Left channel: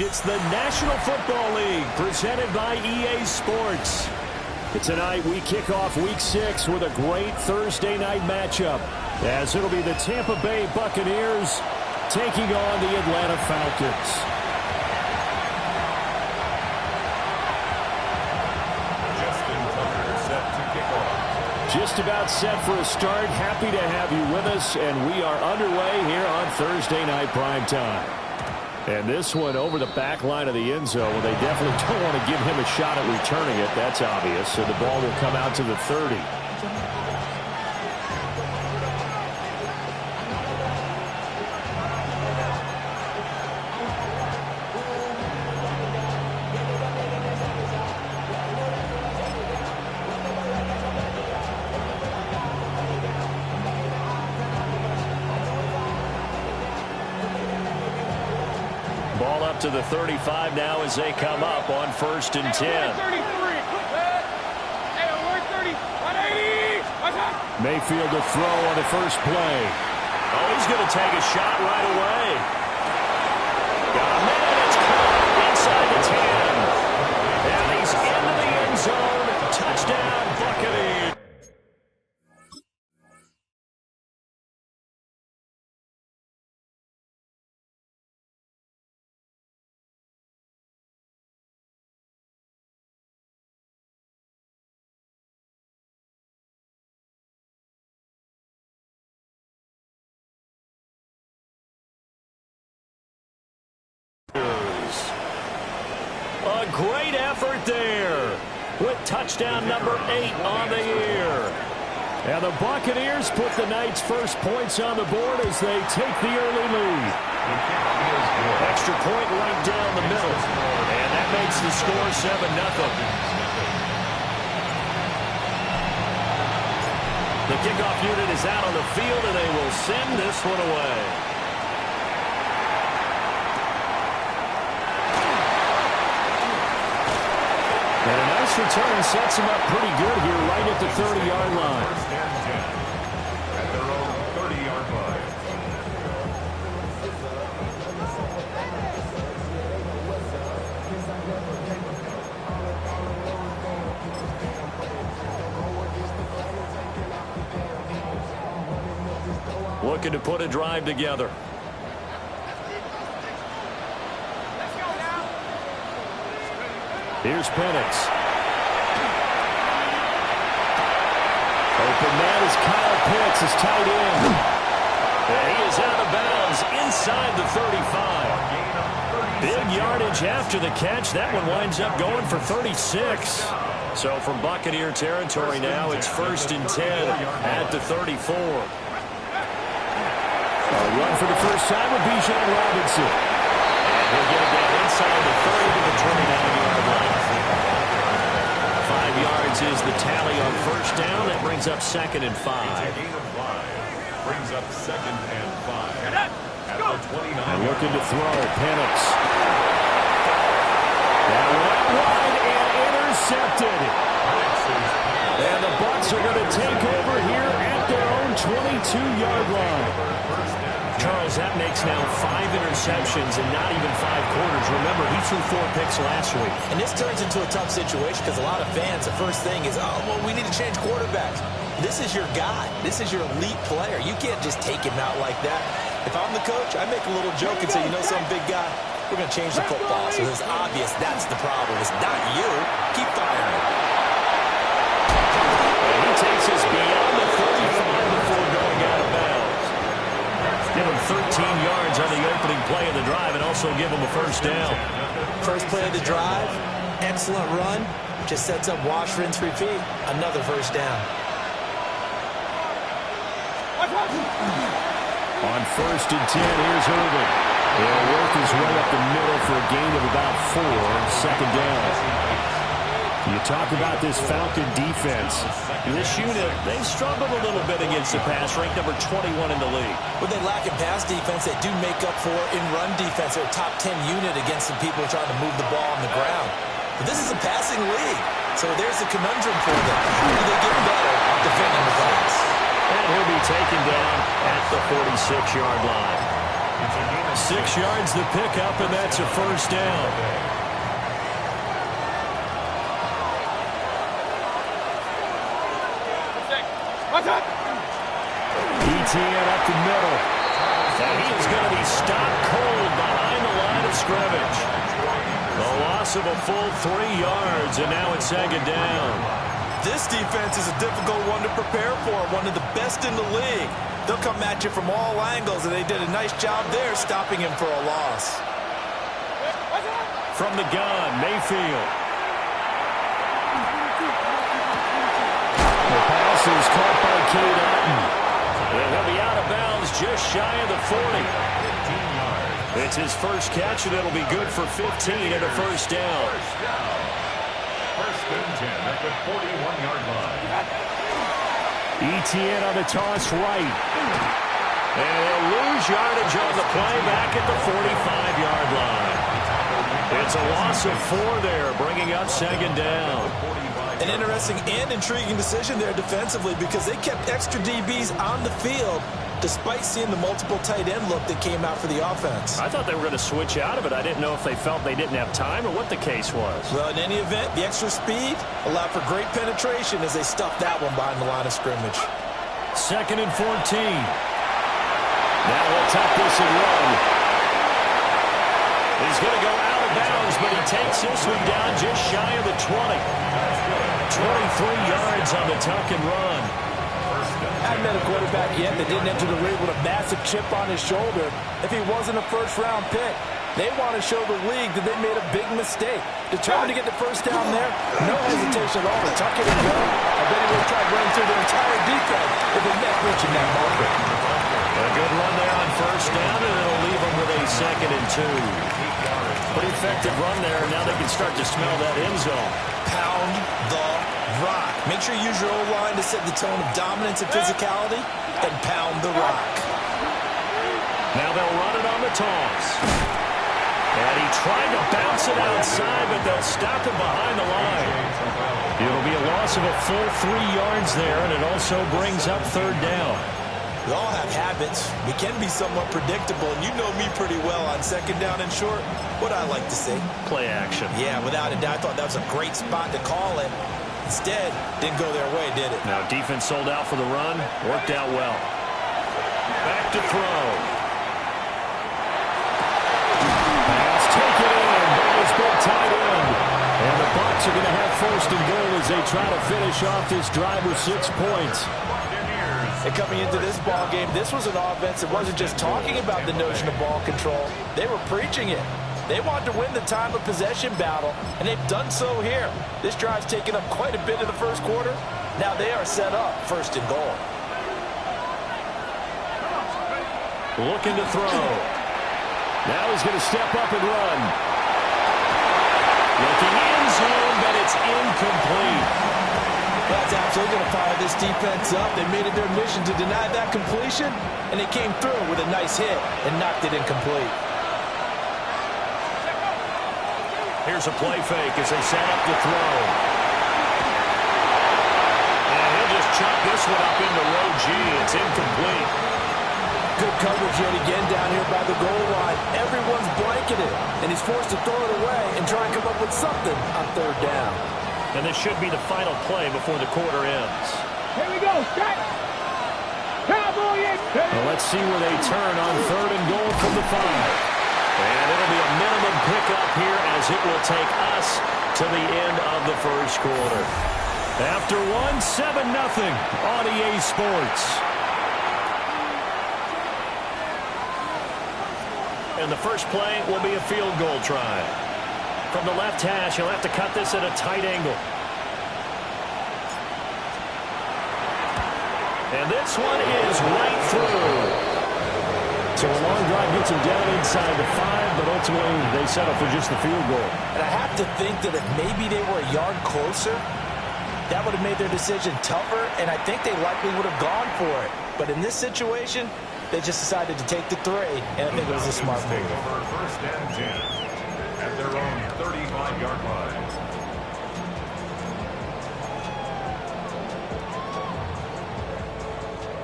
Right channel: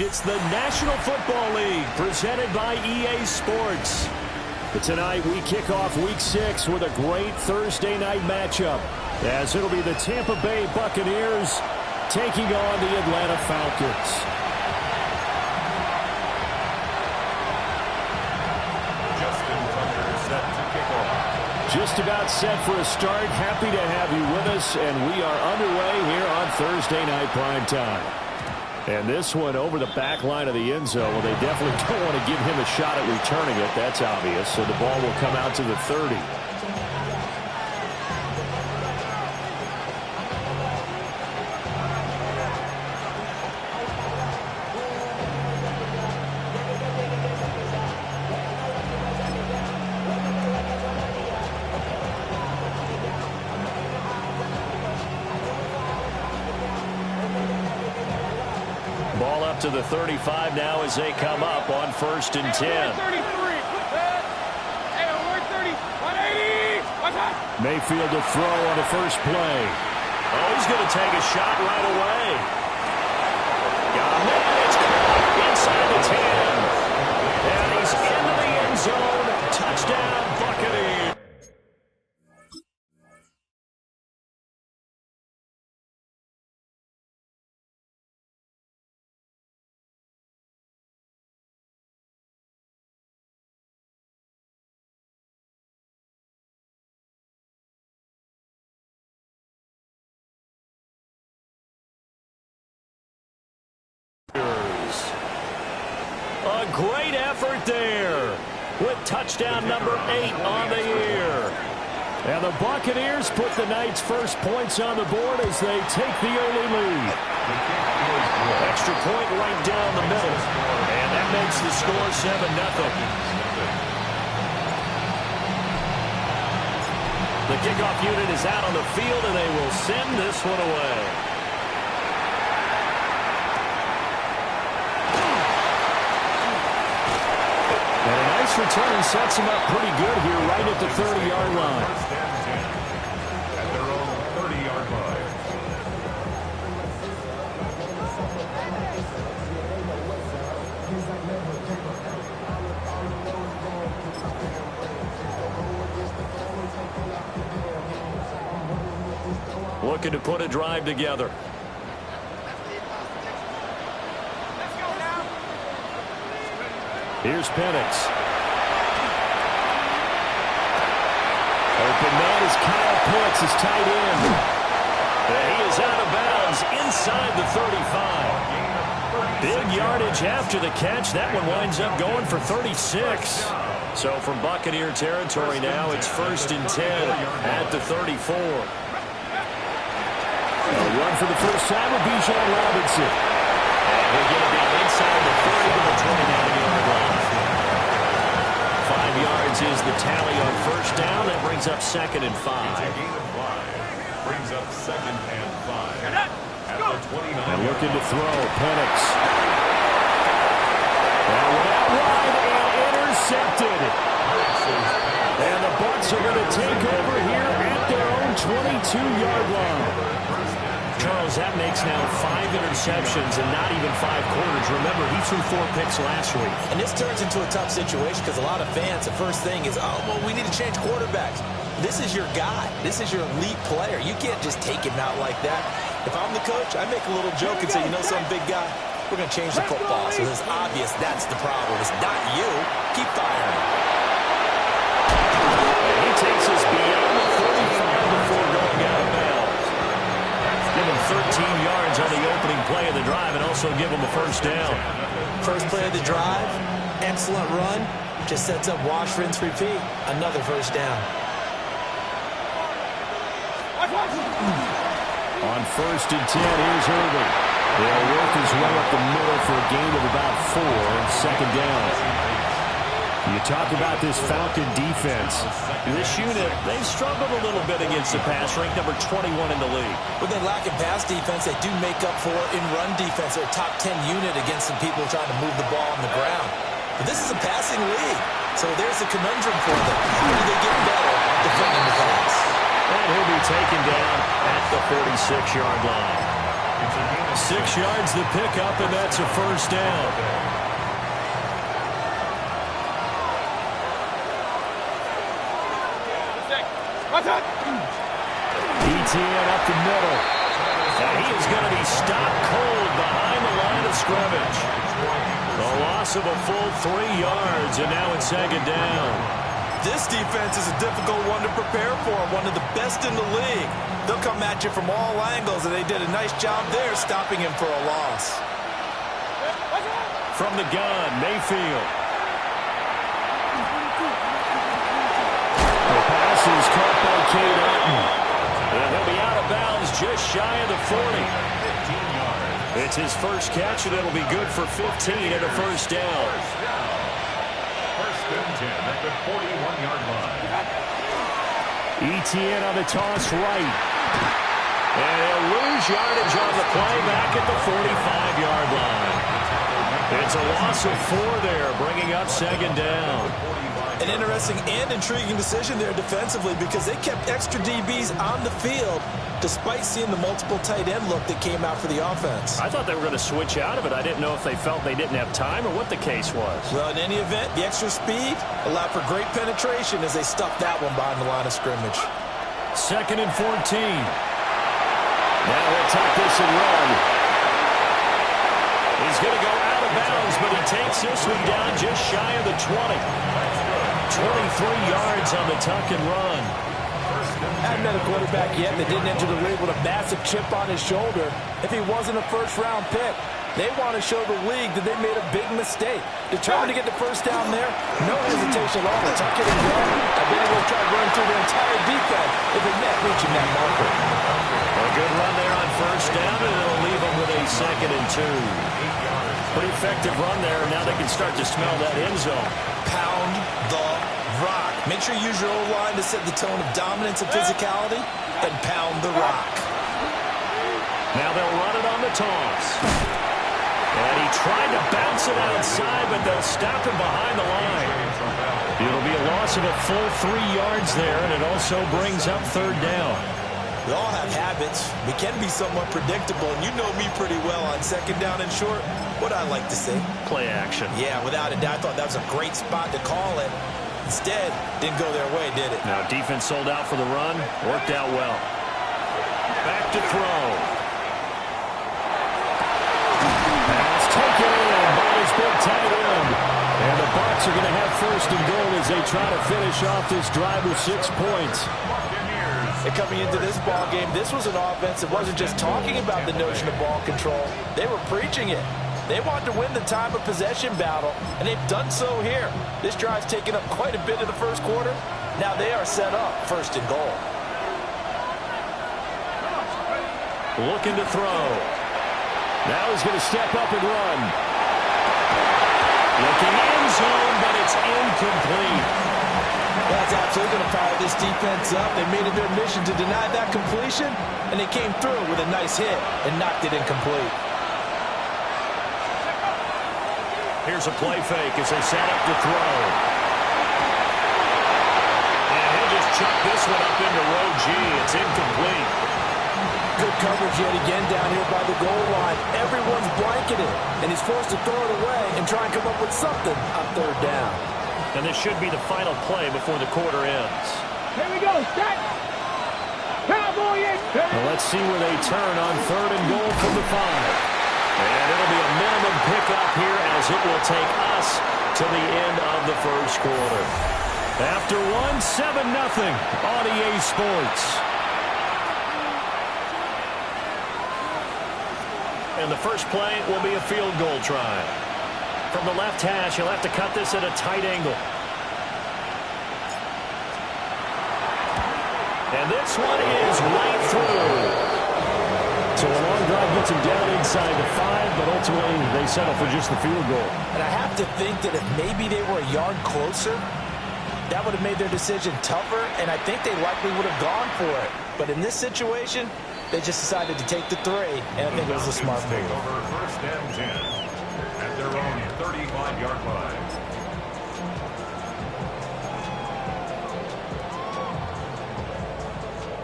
It's the National Football League presented by EA Sports. Tonight we kick off Week 6 with a great Thursday night matchup, as it'll be the Tampa Bay Buccaneers taking on the Atlanta Falcons. Just about set for a start. Happy to have you with us, and we are underway here on Thursday Night Primetime. And this one over the back line of the end zone. Well, they definitely don't want to give him a shot at returning it. That's obvious. So the ball will come out to the 30. Ball up to the 35 now as they come up on 1st and 10. Mayfield to throw on the first play. Oh, he's going to take a shot right away. Got a man. It's caught inside the 10. And he's into the end zone. Touchdown, Buccaneers. A great effort there with touchdown number 8 on the year. And the Buccaneers put the night's first points on the board as they take the early lead. Extra point right down the middle. And that makes the score 7-0. The kickoff unit is out on the field, and they will send this one away. And a nice return sets him up pretty good here right at the 30-yard line. 1st and 10 at their own 30-yard line. Looking to put a drive together. Here's Penix. Open man is Kyle Pitts, his tight end. And he is out of bounds inside the 35. Big yardage after the catch. That one winds up going for 36. So from Buccaneer territory now, it's 1st and 10 at the 34. A run for the first time with Bijan Robinson. He'll get it down inside the 30 to the 29-yard line. 5 yards is the tally on 1st down. That brings up 2nd and 5. It's a gain of 5. Brings up 2nd and 5. At the 29. And looking to throw, Penix. That went out wide and intercepted. And the Bucs are going to take over here at their own 22-yard line. Charles, that makes now 5 interceptions and not even 5 quarters. Remember, he threw 4 picks last week. And this turns into a tough situation because a lot of fans, the first thing is, oh, well, we need to change quarterbacks. This is your guy. This is your elite player. You can't just take him out like that. If I'm the coach, I make a little joke and say, you know, some big guy, we're going to change the football. So it's obvious that's the problem. It's not you. Keep firing. And he takes us beyond the 35 before going out of bounds. Give him 13 yards on the opening play of the drive and also give him a 1st down. First play of the drive, excellent run. Just sets up wash, rinse, repeat. Another 1st down. On 1st and 10, here's Irvin. He'll work his way up the middle for a gain of about 4. 2nd down. You talk about this Falcon defense. This unit, they've struggled a little bit against the pass, ranked number 21 in the league. When they lack in pass defense, they do make up for in run defense. They're a top 10 unit against some people trying to move the ball on the ground. But this is a passing league, so there's a conundrum for them. How do they get better defending the pass? And he'll be taken down at the 46-yard line. 6 yards the pickup, and that's a first down. ETN up the middle. And he is going to be stopped cold behind the line of scrimmage. A loss of a full 3 yards, and now it's 2nd down. This defense is a difficult one to prepare for, one of the best in the league. They'll come at you from all angles, and they did a nice job there stopping him for a loss. From the gun, Mayfield. The pass is caught by Cade Otton. And he'll be out of bounds just shy of the 40. It's his first catch, and it'll be good for 15 and a first down. First and 10 at the 41-yard line. ETN on the toss right. And he'll lose yardage on the play back at the 45-yard line. It's a loss of 4 there, bringing up 2nd down. An interesting and intriguing decision there defensively because they kept extra DBs on the field despite seeing the multiple tight end look that came out for the offense. I thought they were going to switch out of it. I didn't know if they felt they didn't have time or what the case was. Well, in any event, the extra speed allowed for great penetration as they stuffed that one behind the line of scrimmage. 2nd and 14. Now he'll tuck this and run. He's going to go out of bounds, but he takes this one down just shy of the 20. 23 yards on the tuck and run. Hadn't met a quarterback yet that didn't enter the league with a massive chip on his shoulder. If he wasn't a first-round pick, they want to show the league that they made a big mistake. Determined to get the first down there, no hesitation at all to tuck it and go. I bet he would have tried running through their entire defense if it meant reaching that marker. A good run there on first down, and it'll leave them with a 2nd and 2. Pretty effective run there. Now they can start to smell that end zone. Pound the rock. Make sure you use your O-line to set the tone of dominance and physicality, and pound the rock. Now they'll run it on the toss. And he tried to bounce it outside, but they'll stop him behind the line. It'll be a loss of a full 3 yards there, and it also brings up 3rd down. We all have habits. We can be somewhat predictable, and you know me pretty well on 2nd down and short. What I like to say? Play action. Yeah, without a doubt. I thought that was a great spot to call it. Instead, didn't go their way, did it? Now defense sold out for the run. Worked out well. Back to throw. Pass taken in by his big tight end. And the Bucs are going to have 1st and goal as they try to finish off this drive with 6 points. And coming into this ball game, this was an offense that wasn't just talking about the notion of ball control. They were preaching it. They wanted to win the time of possession battle, and they've done so here. This drive's taken up quite a bit of the first quarter. Now they are set up 1st and goal. Looking to throw. Now he's going to step up and run. Looking end zone, but it's incomplete. That's absolutely going to fire this defense up. They made it their mission to deny that completion, and they came through with a nice hit and knocked it incomplete. Here's a play fake as they set up to throw. And he'll just chuck this one up into row G. It's incomplete. Good coverage yet again down here by the goal line. Everyone's blanketed, and he's forced to throw it away and try and come up with something on 3rd down. And this should be the final play before the quarter ends. Here we go. Set. Cowboy in. Well, let's see where they turn on 3rd and goal from the 5. And it'll be a minimum pickup here as it will take us to the end of the first quarter. After 7-0 on EA Sports. And the first play will be a field goal try. From the left hash, he'll have to cut this at a tight angle. And this one is right through. So a long drive gets him down inside the 5, but ultimately they settle for just the field goal. And I have to think that if maybe they were a yard closer, that would have made their decision tougher, and I think they likely would have gone for it. But in this situation, they just decided to take the 3, and I think it was a smart move. Over 1st and 10 at their own 35-yard line.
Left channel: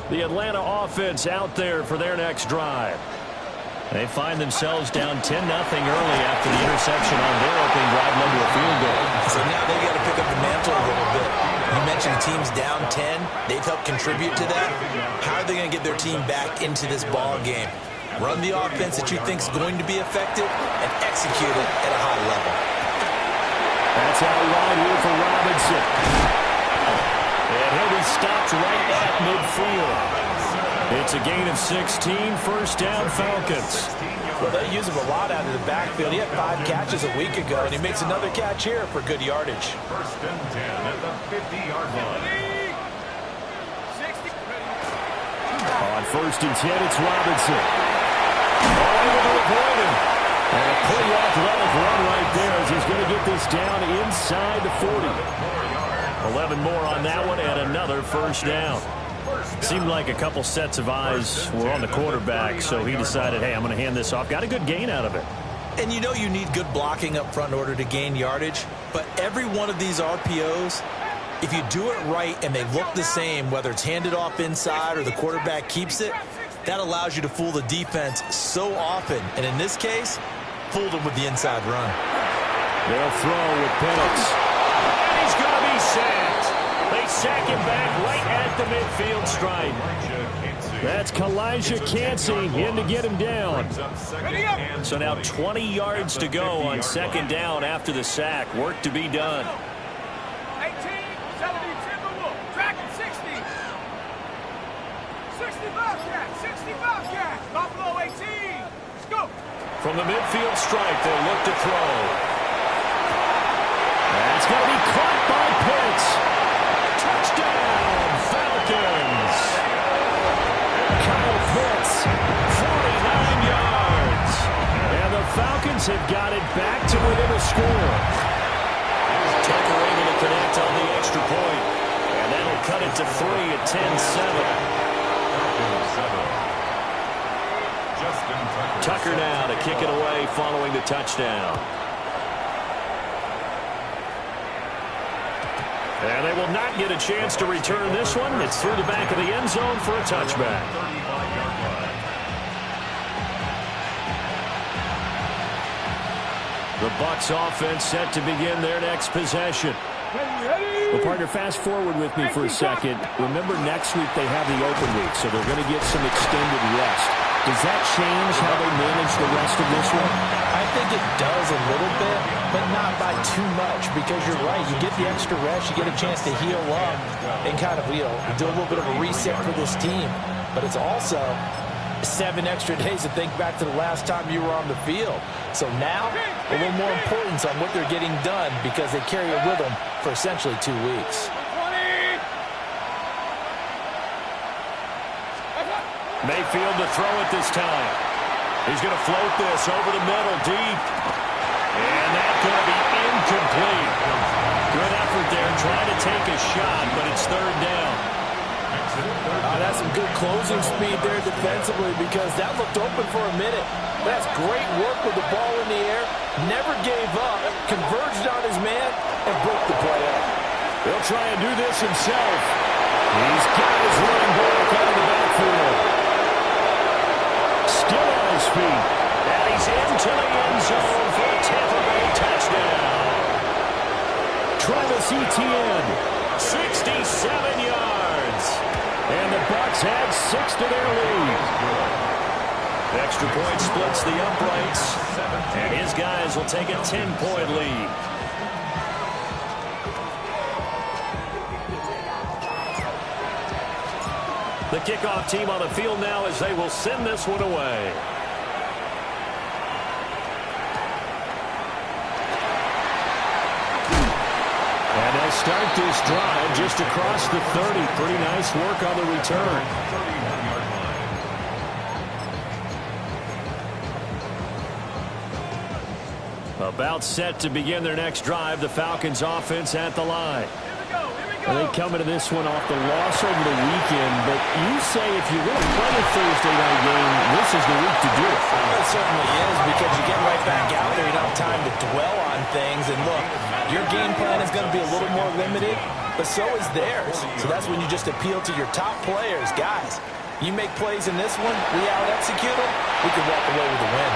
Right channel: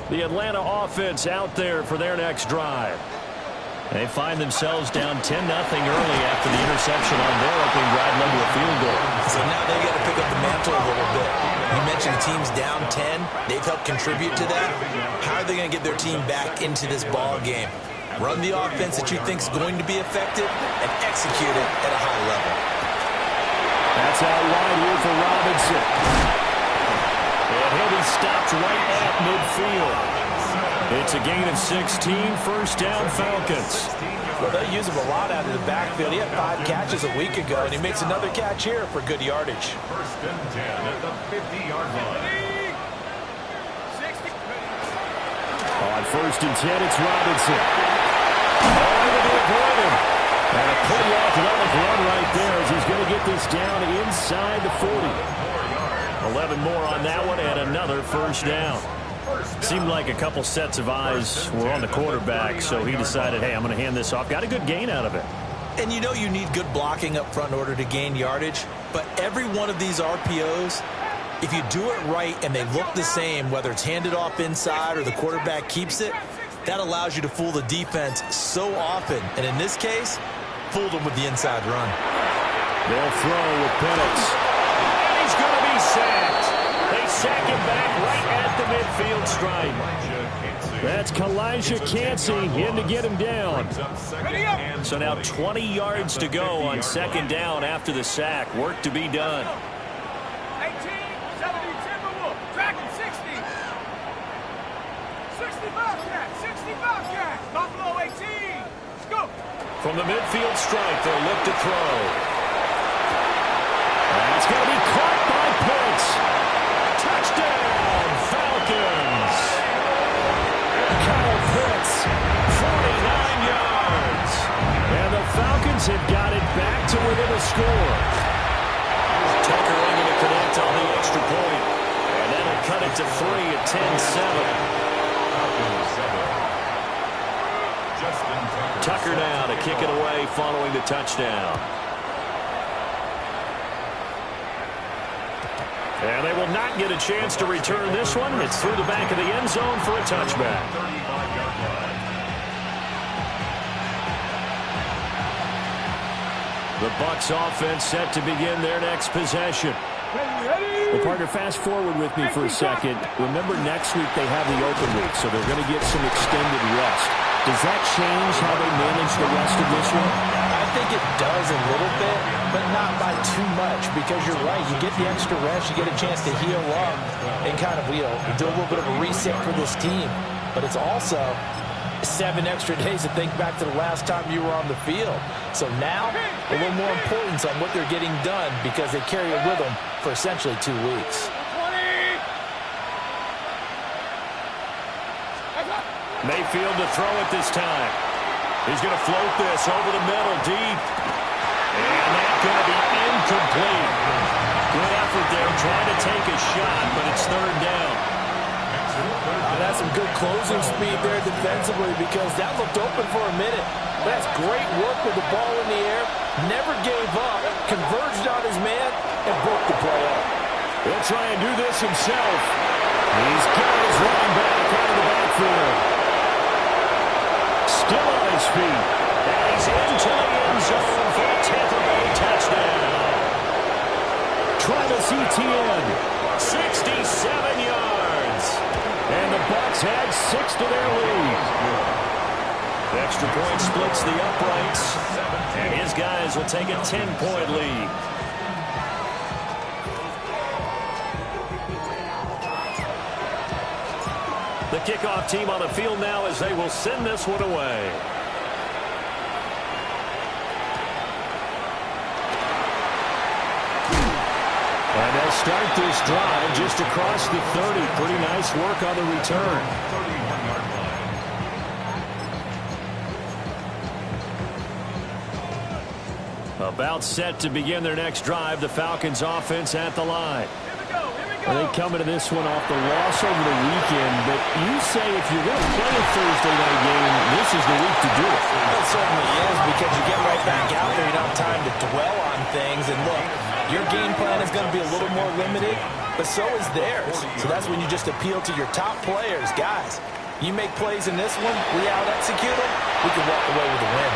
The The Atlanta offense out there for their next drive. They find themselves down 10-0 early after the interception on their opening drive led to a field goal. So now they've got to pick up the mantle a little bit. You mentioned the team's down 10. They've helped contribute to that. How are they going to get their team back into this ball game? Run the offense that you think is going to be effective and execute it at a high level. That's out wide here for Robinson. And he'll be stopped right at midfield. It's a gain of 16, first down Falcons. Well, they use him a lot out of the backfield. He had 5 catches a week ago, and he makes another catch here for good yardage. First and 10 at the 50-yard line. On first and 10, it's Robinson. Able to avoid him. And a pretty athletic run right there as he's going to get this down inside the 40. 11 more on that one and another first down. Seemed like a couple sets of eyes were on the quarterback, so he decided, hey, I'm going to hand this off. Got a good gain out of it. And you know you need good blocking up front in order to gain yardage, but every one of these RPOs, if you do it right and they look the same, whether it's handed off inside or the quarterback keeps it, that allows you to fool the defense so often. And in this case, fooled them with the inside run. They'll throw with Penix. And he's going to be sacked. They sack him back right at the midfield stripe. That's Kalijah Cansey in to get him down. So now 20 yards to go on second down after the sack. Work to be done. 18, 70, Timberwolf, tracking 60. 60 Bobcat, 60 Bobcat, Buffalo 18. Let's go. From the midfield stripe, they'll look to throw. That's going to be caught by Pitts. Touchdown, Falcons. Kyle Pitts, 49 yards. And the Falcons have got it back to within a score. Tucker able to connect on the extra point. And that'll cut it to 3 at 10-7. Tucker now to kick it away following the touchdown. And they will not get a chance to return this one. It's through the back of the end zone for a touchback. The Bucs offense set to begin their next possession. Well, partner, fast forward with me for a second. Remember, next week they have the open week, so they're going to get some extended rest. Does that change how they manage the rest of this one? I think it does a little bit, but not by too much, because you're right. You get the extra rest, you get a chance to heal up and kind of, do a little bit of a reset for this team. But it's also 7 extra days to think back to the last time you were on the field. So now, a little more importance on what they're getting done because they carry it with them for essentially 2 weeks. Mayfield to throw it this time. He's going to float this over the middle deep. And that's going to be incomplete. Good effort there trying to take a shot, but it's third down. That's some good closing speed there defensively because that looked open for a minute. That's great work with the ball in the air. Never gave up, converged on his man, and broke the play up. He'll try and do this himself. He's got his running back out of the backfield. Still on his feet. And he's into the end zone for a Tampa Bay touchdown. Travis Etienne, 67 yards. And the Bucs add 6 to their lead. The extra point splits the uprights. And his guys will take a 10-point lead. The kickoff team on the field now as they will send this one away. And they'll start this drive just across the 30. Pretty nice work on the return. 31-yard line. About set to begin their next drive. The Falcons offense at the line. They come into this one off the loss over the weekend, but you say if you're going to play a Thursday night game, this is the week to do it. It certainly is because you get right back out there. You don't have time to dwell on things. And look, your game plan is going to be a little more limited, but so is theirs. So that's when you just appeal to your top players. Guys, You make plays in this one, we out-execute them, we can walk away with a win.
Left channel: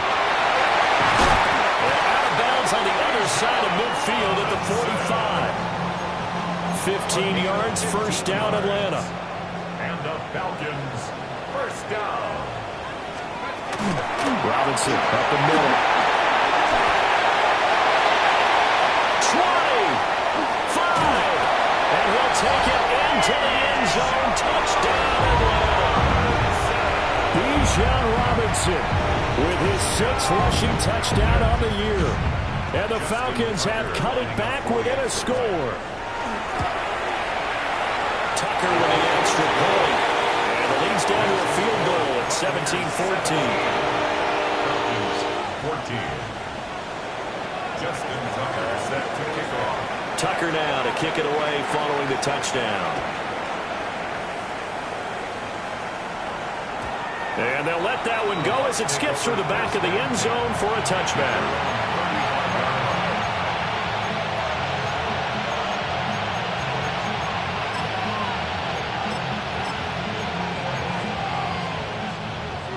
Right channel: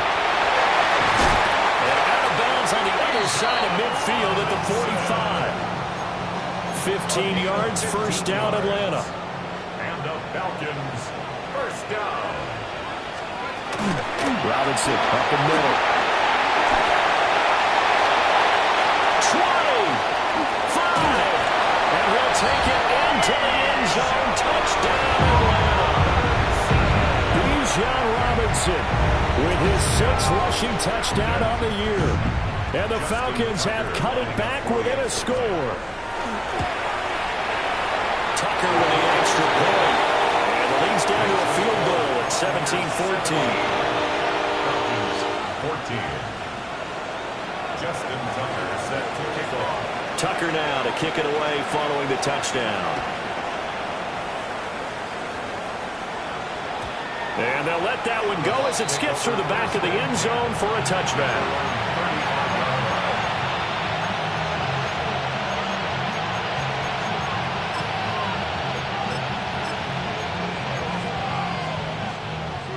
And out of bounds on the other side of midfield at the 45. 15 yards, first down, Atlanta. And the Falcons, first down. Robinson up the middle. 20, 5, and he'll take it into the end zone. Touchdown, Atlanta. Bijan Robinson with his 6th rushing touchdown on the year. And the Falcons have cut it back within a score. Tucker with the extra point. And the lead's down to a field goal at 17-14. Falcons, 14. Justin Tucker set to kick off. Tucker now to kick it away following the touchdown. And they'll let that one go as it skips through the back of the end zone for a touchback.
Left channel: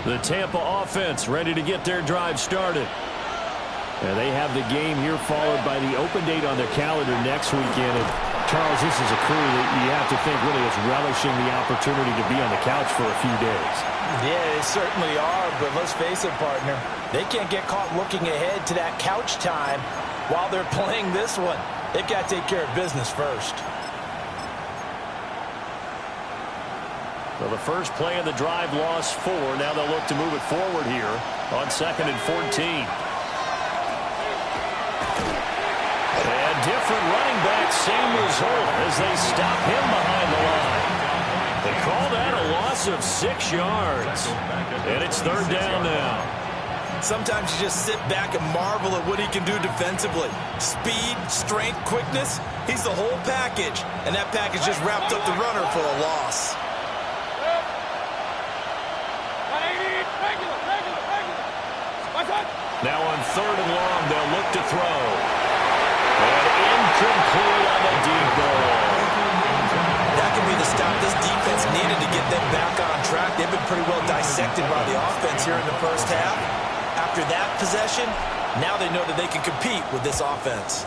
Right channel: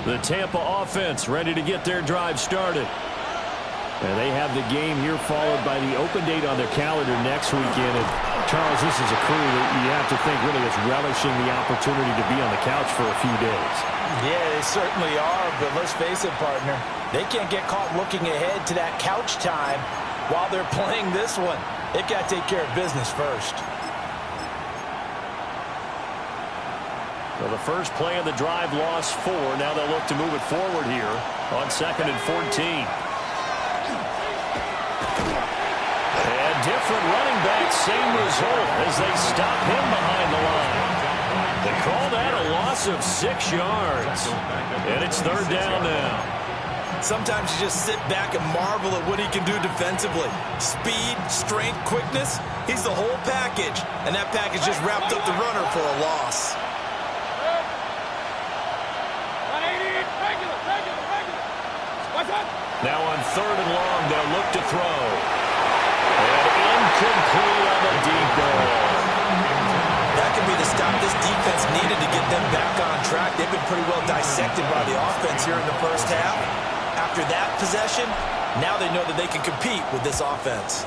The Tampa offense ready to get their drive started. And they have the game here followed by the open date on their calendar next weekend. And Charles, this is a crew that you have to think really is relishing the opportunity to be on the couch for a few days. Yeah, they certainly are, but let's face it, partner. They can't get caught looking ahead to that couch time while they're playing this one. They've got to take care of business first. So the first play of the drive lost 4. Now they'll look to move it forward here on 2nd and 14. And different running back, same result as they stop him behind the line. They call that a loss of 6 yards. And it's 3rd down now. Sometimes you just sit back and marvel at what he can do defensively. Speed, strength, quickness, he's the whole package. And that package just wrapped up the runner for a loss. 180, regular. Now on 3rd and long, they'll look to throw. And incomplete on the deep ball. That could be the stop this defense needed to get them back on track. They've been pretty well dissected by the offense here in the first half. After that possession, now they know that they can compete with this offense.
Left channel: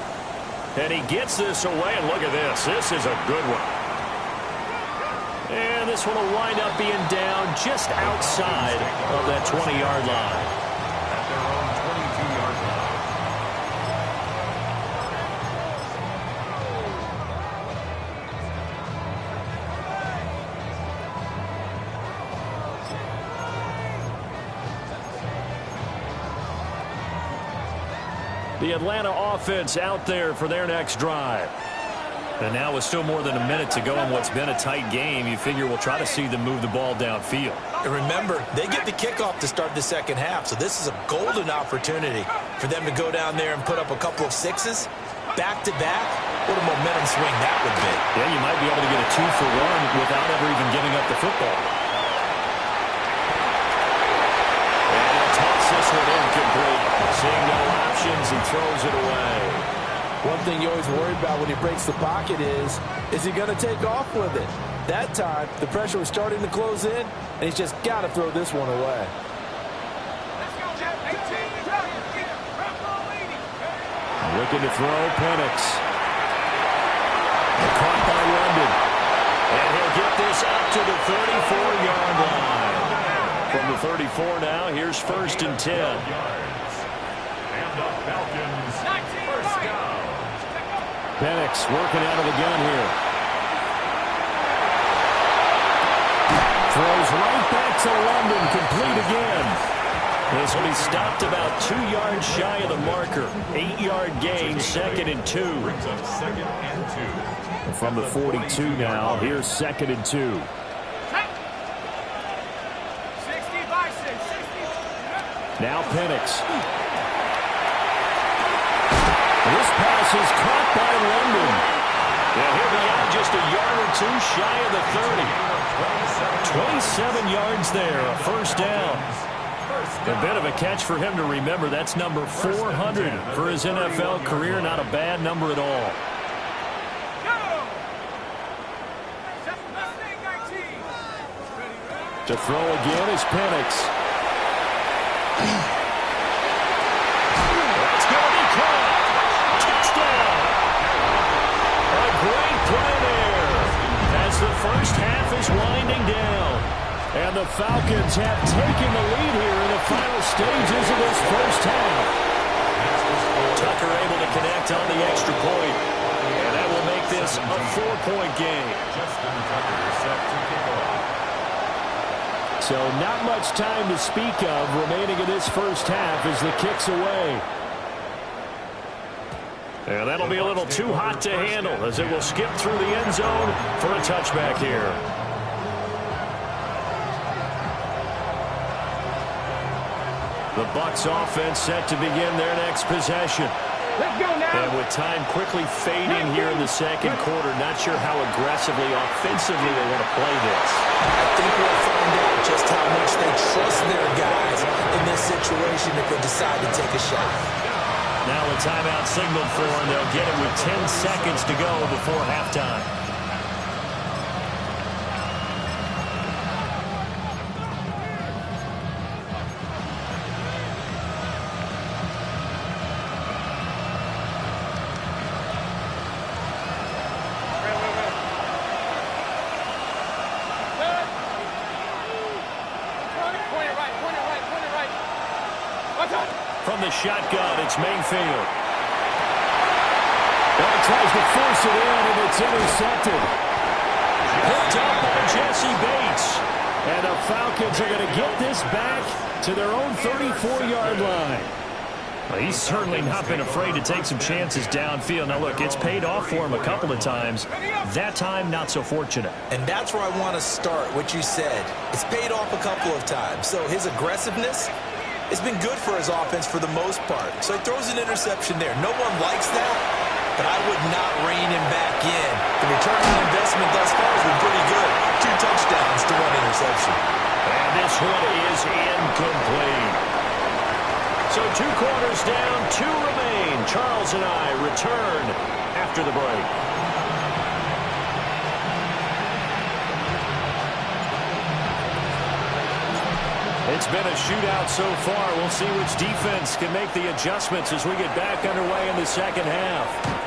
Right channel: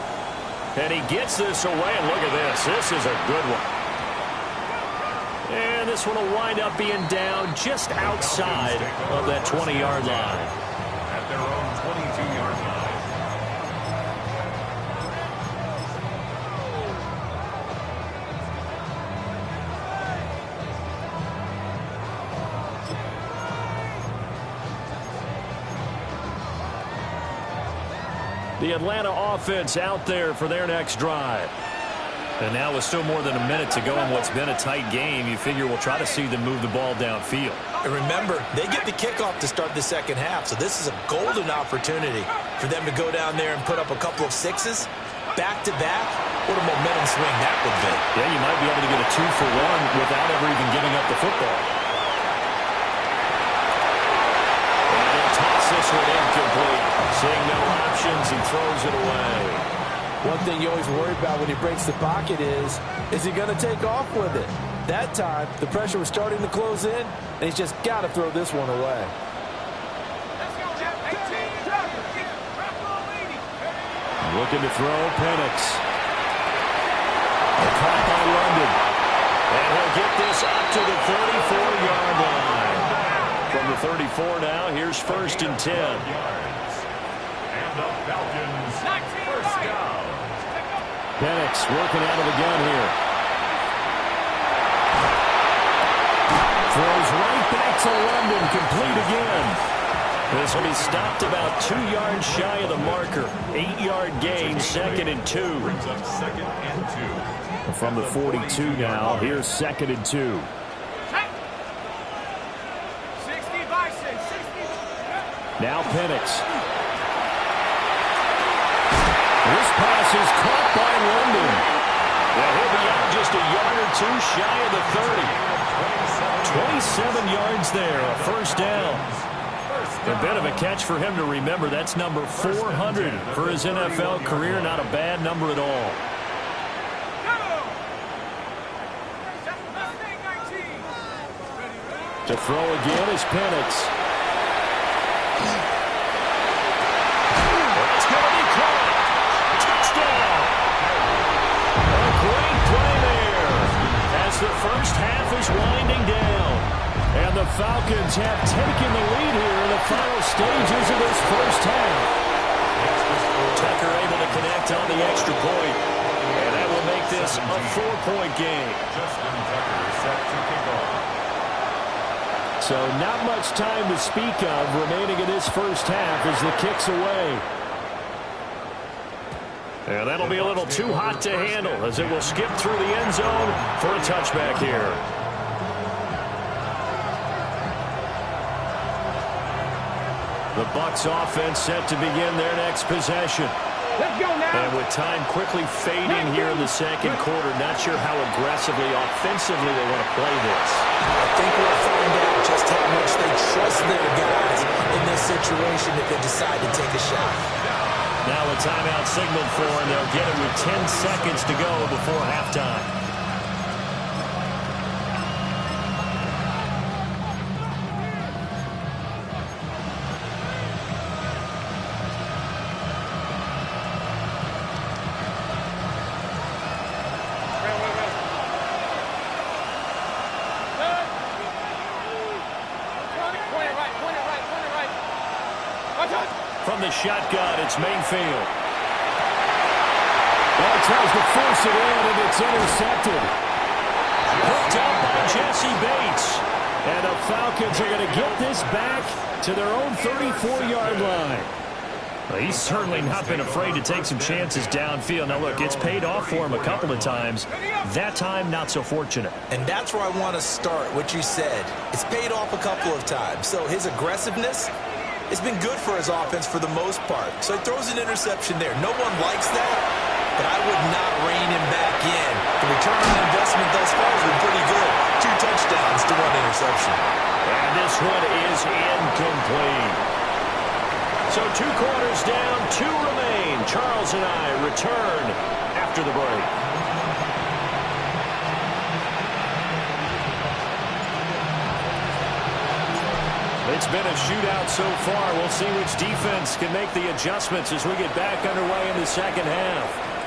And he gets this away, and look at this. This is a good one. And this one will wind up being down just outside of that 20-yard line. At their own 22-yard line. The Atlanta offense out there for their next drive. And now with still more than a minute to go in what's been a tight game, you figure we'll try to see them move the ball downfield. And remember, they get the kickoff to start the second half, so this is a golden opportunity for them to go down there and put up a couple of 6s. Back-to-back, what a momentum swing that would be. Yeah, you might be able to get a 2-for-1 without ever even giving up the football. And he'll toss this one incomplete. Seeing no options, he throws it away. One thing you always worry about when he breaks the pocket is he going to take off with it? That time, the pressure was starting to close in, and he's just got to throw this one away. Let's go, Jeff. 18, looking to throw, Penix. Caught by London. And he'll get this up to the 34-yard line. From the 34 now, here's 1st and 10. And the Falcons, first down. Penix working out of the gun here. Throws right back to London, complete again. This will be stopped about 2 yards shy of the marker. 8-yard gain, 2nd and 2. Brings up 2nd and 2. From the 42 now, here's 2nd and 2. 60 by 6, 60. Now Penix. This pass is caught by London. Now he'll be out just a yard or 2 shy of the 30. 27 yards there, a first down. A bit of a catch for him to remember. That's number 400 for his NFL career. Not a bad number at all. To throw again is Penix. That's going to be caught. Touchdown. A great play there as the first half is winding down. And the Falcons have taken the lead here in the final stages of this first half. Tucker able to connect on the extra point. And that will make this a 4-point game. Justin Tucker set to kick off. So not much time to speak of remaining in this first half as the kick's away. And that'll be a little too hot to handle as it will skip through the end zone for a touchback here. The Bucs offense set to begin their next possession. Let's go now. And with time quickly fading here in the second quarter, not sure how aggressively, offensively they want to play this. I think we'll find out just how much they trust their guys in this situation if they decide to take a shot. Now a timeout signaled for, and they'll get it with 10 seconds to go before halftime. From the shotgun, it's Mayfield. Well, tries to force it in, and it's intercepted. Hooked up by Jesse Bates. And the Falcons are going to get this back to their own 34-yard line. Well, he's certainly not been afraid to take some chances downfield. Now, look, it's paid off for him a couple of times. That time, not so fortunate. And that's where I want to start, what you said. It's paid off a couple of times. So his aggressiveness, it's been good for his offense for the most part. So he throws an interception there. No one likes that, but I would not rein him back in. The return on investment thus far has been pretty good. 2 touchdowns to 1 interception. And this one is incomplete. So 2 quarters down, 2 remain. Charles and I return after the break. It's been a shootout so far. We'll see which defense can make the adjustments as we get back underway in the second half.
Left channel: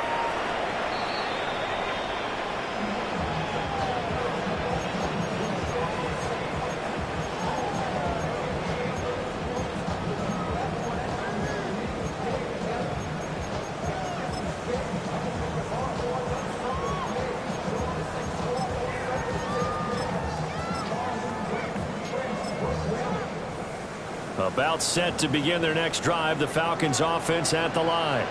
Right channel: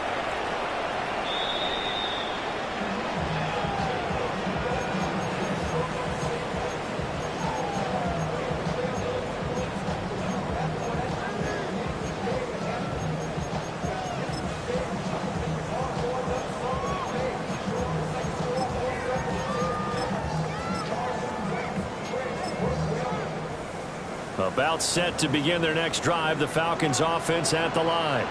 About set to begin their next drive, the Falcons offense at the line.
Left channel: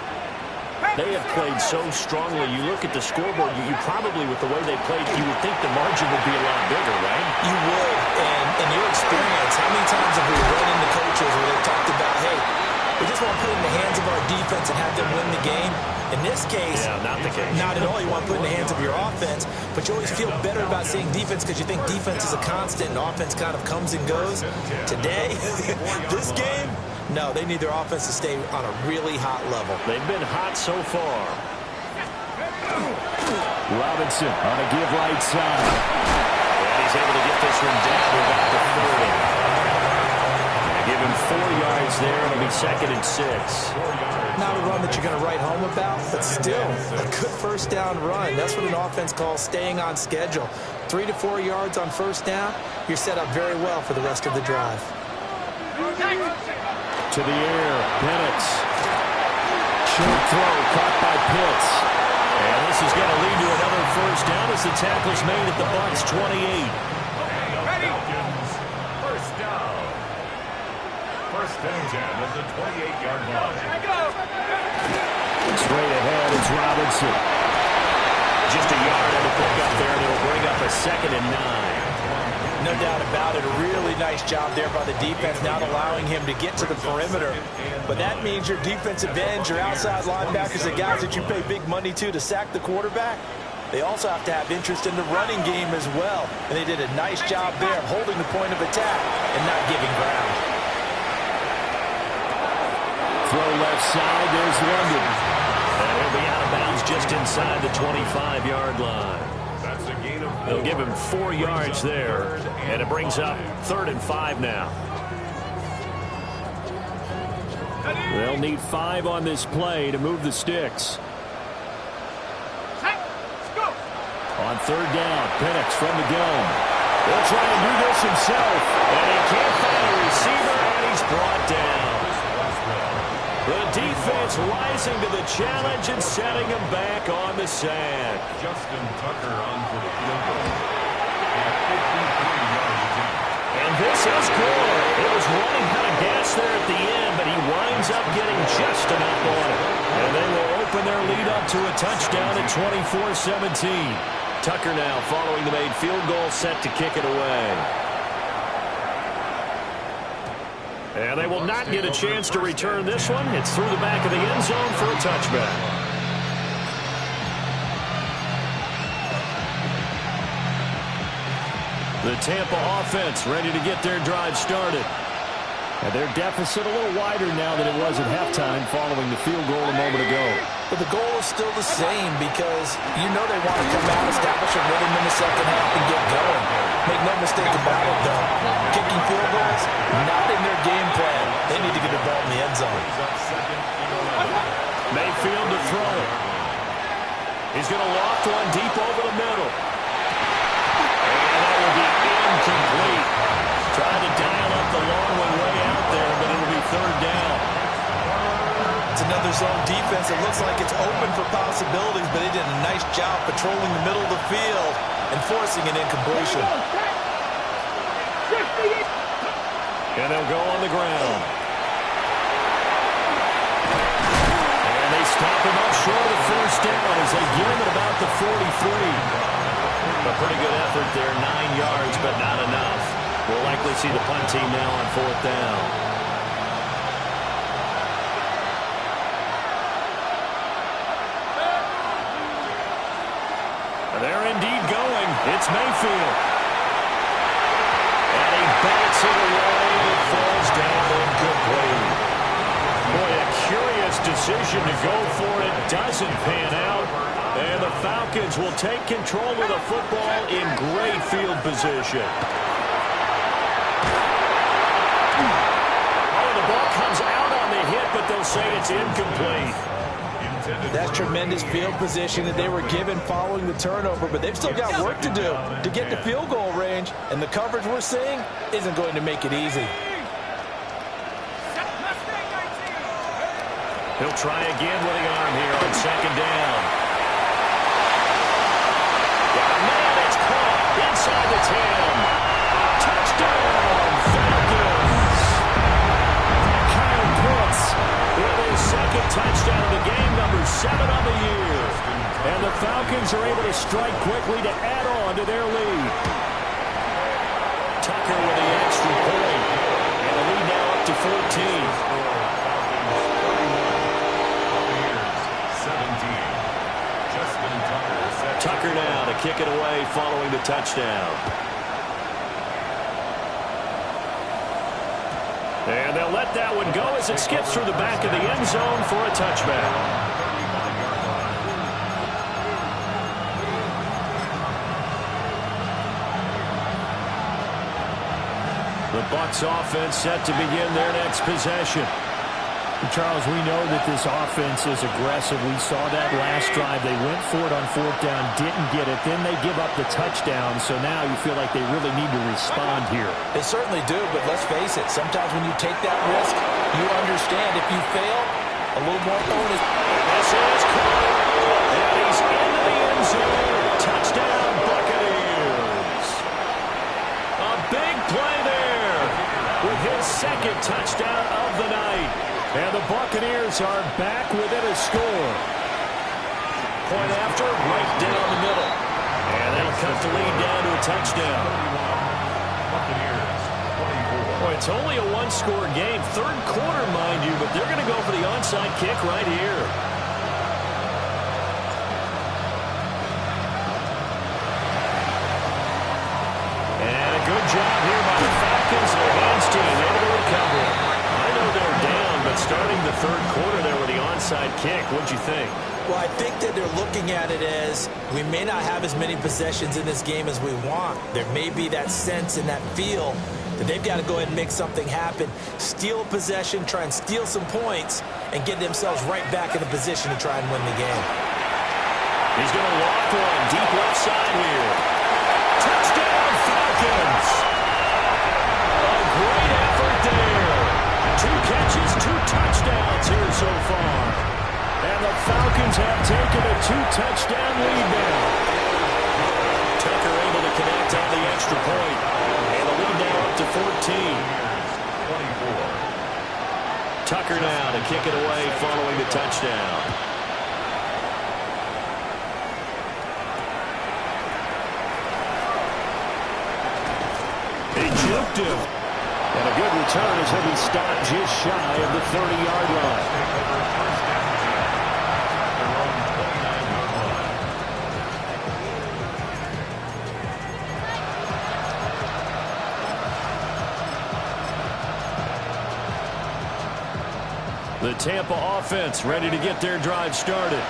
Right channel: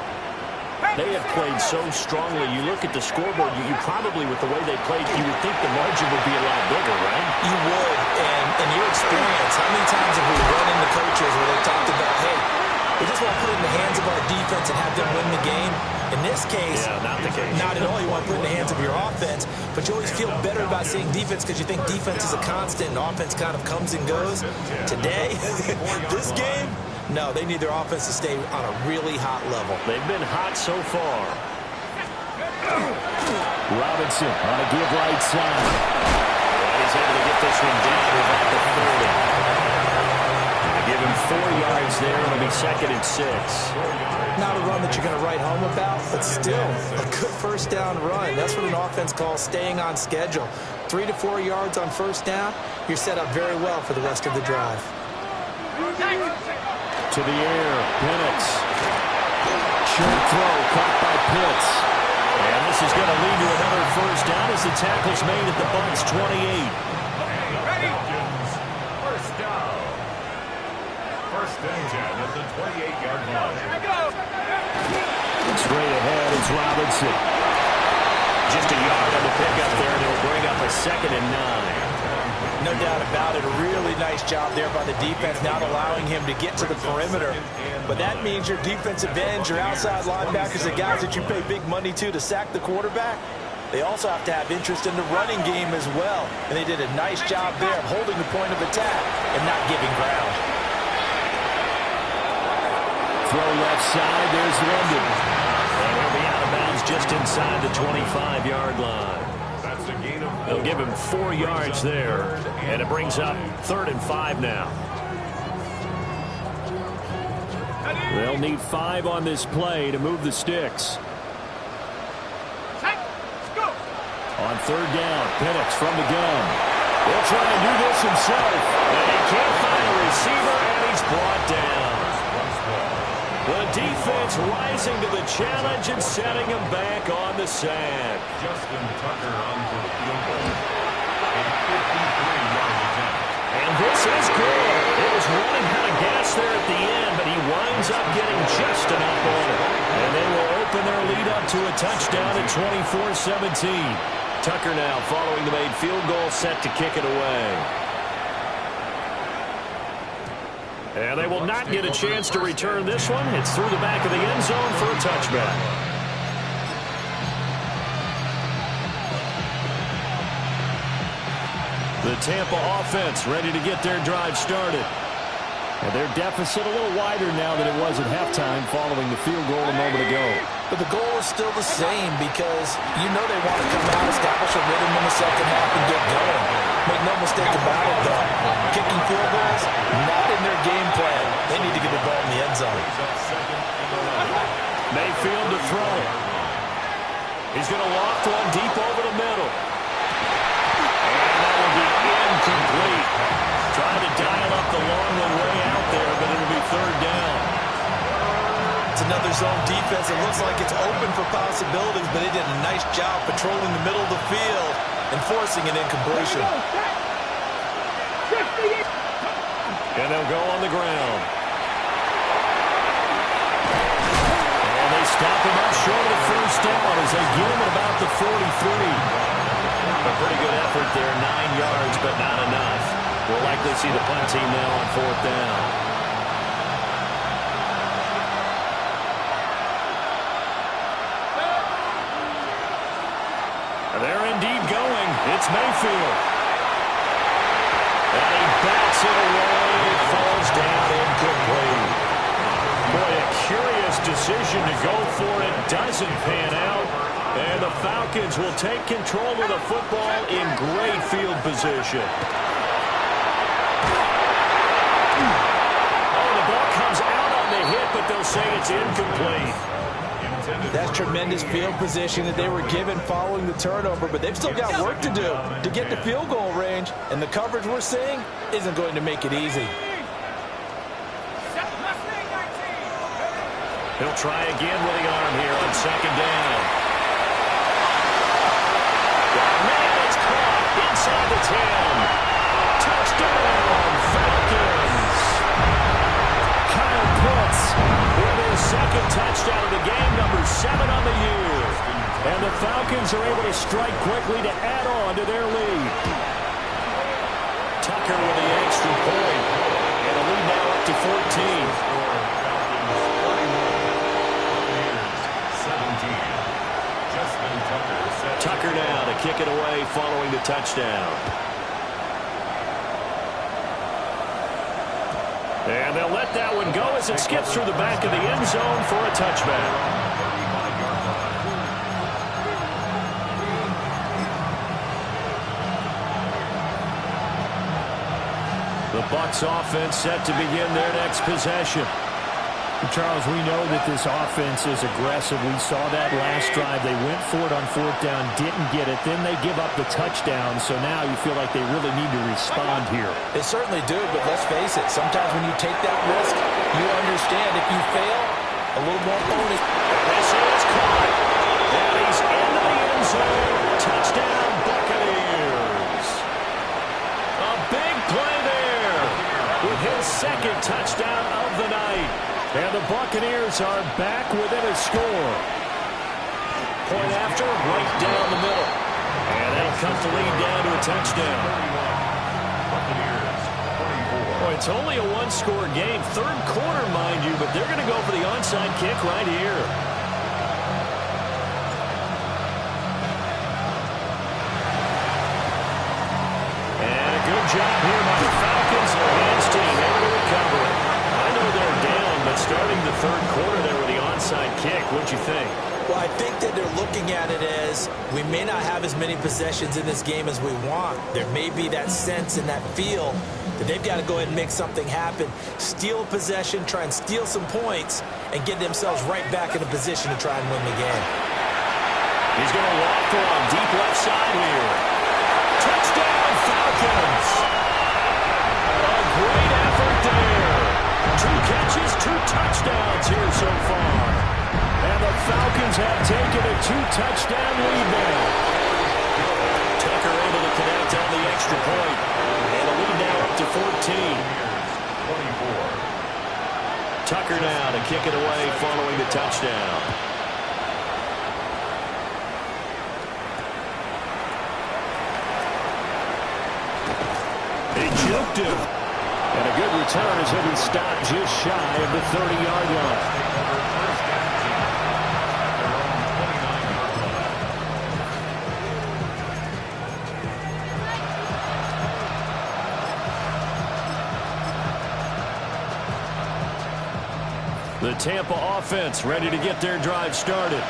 They have played so strongly. You look at the scoreboard, you probably, with the way they played, you would think the margin would be a lot bigger, right? You would, and in your experience, how many times have we run into coaches where they talked about, hey, we just want to put it in the hands of our defense and have them win the game? In this case, yeah, not the case. Not at all. You want to put it in the hands of your offense, but you always feel better about seeing defense because you think defense is a constant and offense kind of comes and goes. Today, this game, no, they need their offense to stay on a really hot level. They've been hot so far. Robinson on a give right side. And he's able to get this one down to about the 40. Give him 4 yards there. It'll be 2nd and 6. Not a run that you're going to write home about, but still a good first down run. That's what an offense calls staying on schedule. 3 to 4 yards on first down, you're set up very well for the rest of the drive. To the air, Penix. Short throw caught by Pitts. And this is going to lead to another first down as the tackle's made at the Bucs 28. First down. 1st and 10 at the 28-yard line. Straight ahead, it's Robinson. Just a yard on the pickup there, and it'll bring up a 2nd and 9. No doubt about it. A really nice job there by the defense, not allowing him to get to the perimeter. But that means your defensive ends, your outside linebackers, the guys that you pay big money to sack the quarterback, they also have to have interest in the running game as well. And they did a nice job there of holding the point of attack and not giving ground. Throw left side, there's London. And he'll be out of bounds just inside the 25-yard line. That's a gain of 4. They'll give him 4 yards there, and it brings up 3rd and 5 now. They'll need 5 on this play to move the sticks. On 3rd down, Penix from the gun. He'll try and do this himself, and he can't find a receiver, and he's brought down. The defense rising to the challenge and setting him back on the sack. Justin Tucker on for the field goal. A 53-yard attempt. And this is good. It was running out of gas there at the end, but he winds up getting just enough on it. And they will open their lead up to a touchdown at 24-17. Tucker now following the made field goal, set to kick it away. And they will not get a chance to return this one. It's through the back of the end zone for a touchback. The Tampa offense ready to get their drive started. And their deficit a little wider now than it was at halftime following the field goal a moment ago. But the goal is still the same because you know they want to come out, establish a rhythm in the second half, and get going. Make no mistake about it, though. Kicking field goals, not in their game plan. They need to get the ball in the end zone. Mayfield to throw it. He's going to loft one deep over the middle. And that will be incomplete. Trying to dial up the long one way out there, but it'll be 3rd down. It's another zone defense. It looks like it's open for possibilities, but they did a nice job patrolling the middle of the field and forcing an incompletion. And they'll go on the ground. And they stop him up short of the 1st down as they get him at about the 43. A pretty good effort there, 9 yards, but not enough. We'll likely see the punt team now on 4th down. They're indeed going. It's Mayfield. And he bats it away. It falls down incomplete. Boy, a curious decision to go for it. Doesn't pan out. And the Falcons will take control of the football in great field position. Comes out on the hit, but they'll say it's incomplete. That's tremendous field position that they were given following the turnover, but they've still got work to do to get to field goal range, and the coverage we're seeing isn't going to make it easy. He'll try again with the arm here on 2nd down. Man, it's caught inside the 10. Touchdown, Falcons. With his 2nd touchdown of the game, number 7 on the year. And the Falcons are able to strike quickly to add on to their lead. Tucker with the extra point. And the lead now up to 14. Tucker now to kick it away following the touchdown. And they'll let that one go as it skips through the back of the end zone for a touchback. The Bucs offense set to begin their next possession. Charles, we know that this offense is aggressive. We saw that last drive. They went for it on 4th down, didn't get it. Then they give up the touchdown. So now you feel like they really need to respond here. They certainly do, but let's face it. Sometimes when you take that risk, you understand if you fail, a little more bonus. And this is caught. And he's into the end zone. Touchdown, Buccaneers. A big play there with his 2nd touchdown of the night. And the Buccaneers are back within a score. Point after, right down the middle. And that'll cut the lead down to a touchdown. Buccaneers, 24. Boy, it's only a 1-score game. 3rd quarter, mind you, but they're going to go for the onside kick right here. And a good job here by the Falcons. Their hands team able to recover it. I know they're down, but starting the 3rd quarter there with the onside kick, what'd you think? Well, I think that they're looking at it as we may not have as many possessions in this game as we want. There may be that sense and that feel that they've got to go ahead and make something happen, steal a possession, try and steal some points, and get themselves right back in a position to try and win the game. He's going to loft one deep left side here. Touchdown, Falcons! A great effort there. 2 catches, 2 touchdowns here so far. And the Falcons have taken a 2-touchdown lead now. Tucker able to connect on the extra point. And the lead now up to 14. 24. Tucker now to kick it away following the touchdown. He juked him. And a good return as he'll be stopped just shy of the 30-yard line. The Tampa offense ready to get their drive started.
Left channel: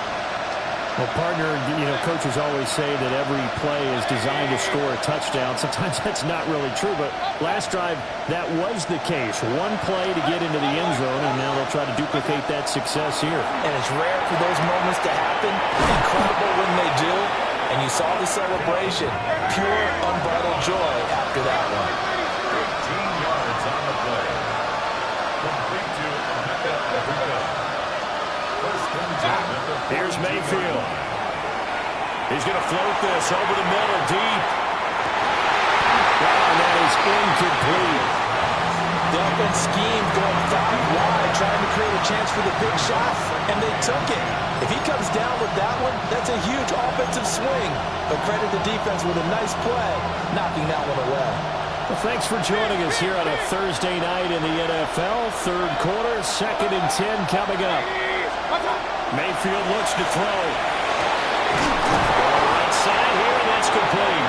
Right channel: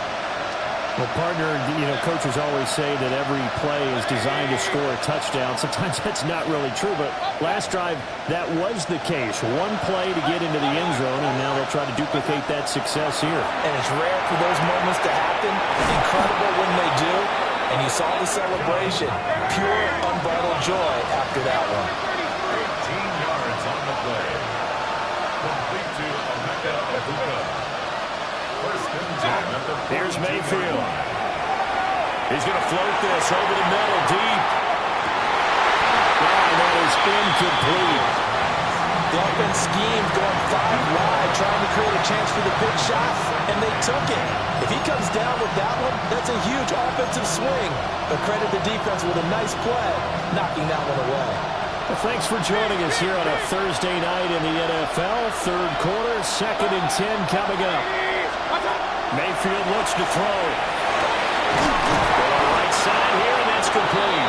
Well, partner, coaches always say that every play is designed to score a touchdown. Sometimes that's not really true, but last drive, that was the case. One play to get into the end zone, and now they'll try to duplicate that success here. And it's rare for those moments to happen. Incredible when they do. And you saw the celebration. Pure, unbridled joy after that one. 18 yards on the play. Complete to Emeka. First and 10 at the 42. Here's Mayfield. He's going to float this over the middle deep. And that is incomplete. The offense schemed going 5 wide, trying to create a chance for the big shot, and they took it. If he comes down with that one, that's a huge offensive swing. But credit the defense with a nice play, knocking that one away. Well, thanks for joining us here on a Thursday night in the NFL. Third quarter, 2nd and 10 coming up. Mayfield looks to throw. Going right side here, and that's complete.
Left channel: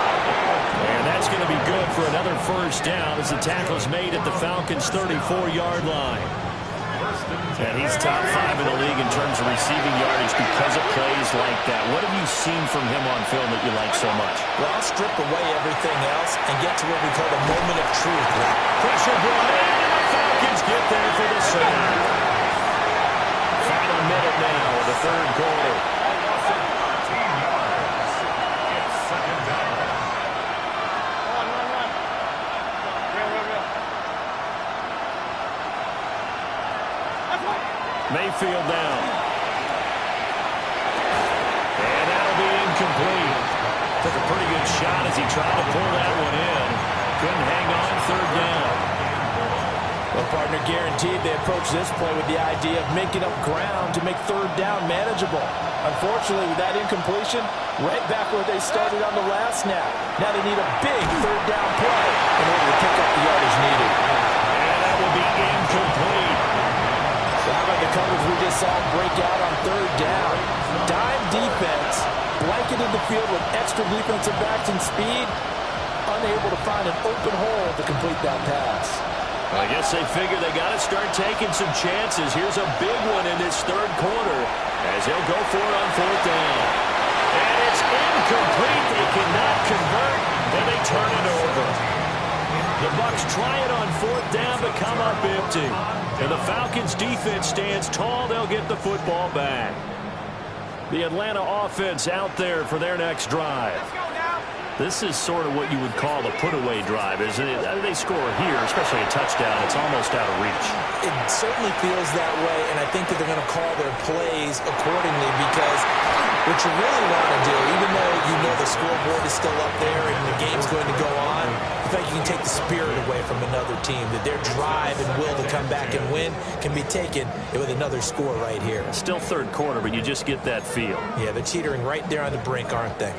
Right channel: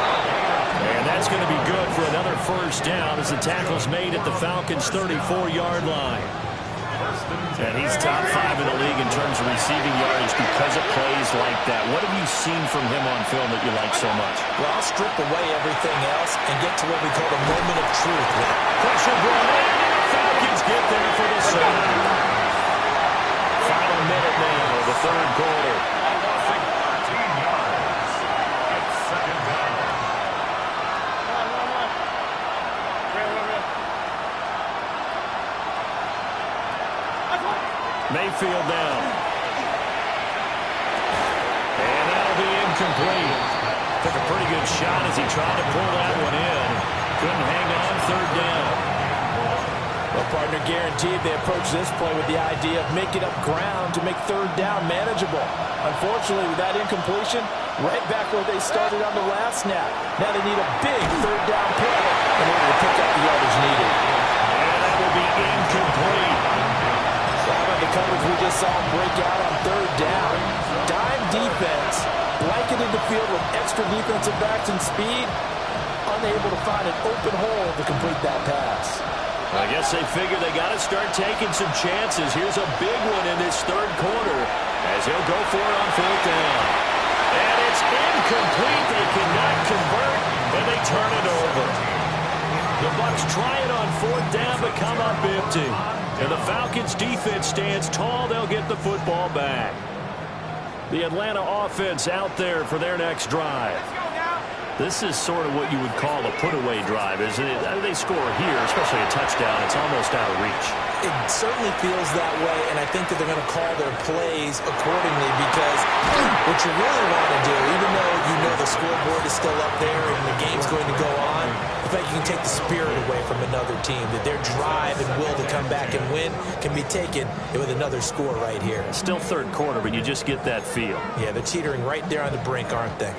And that's going to be good for another first down as the tackle's made at the Falcons' 34-yard line. And he's top 5 in the league in terms of receiving yardage because of plays like that. What have you seen from him on film that you like so much? Well, I'll strip away everything else and get to what we call the moment of truth. Pressure brought in, and the Falcons get there for the sack. Final minute now of the third quarter. 13 yards. It's 2nd down. Mayfield down. And that'll be incomplete. Took a pretty good shot as he tried to pull that one in. Couldn't hang on, 3rd down. Well, partner, guaranteed they approach this play with the idea of making up ground to make 3rd down manageable. Unfortunately, with that incompletion, right back where they started on the last snap. Now they need a big 3rd down play in order to pick up the yardage needed. And that will be incomplete. So how about the coverage we just saw break out on 3rd down? Dime defense, blanketed the field with extra defensive backs and speed, unable to find an open hole to complete that pass. I guess they figure they got to start taking some chances. Here's a big one in this 3rd quarter as he'll go for it on 4th down. And it's incomplete. They cannot convert, and they turn it over. The Bucs try it on 4th down, but come up empty. And the Falcons defense stands tall. They'll get the football back. The Atlanta offense out there for their next drive. This is sort of what you would call a put-away drive, isn't it? They score here, especially a touchdown. It's almost out of reach. It certainly feels that way, and I think that they're going to call their plays accordingly because what you really want to do, even though you know the scoreboard is still up there and the game's going to go on, I think you can take the spirit away from another team, that their drive and will to come back and win can be taken with another score right here. Still 3rd quarter, but you just get that feel. Yeah, they're teetering right there on the brink, aren't they?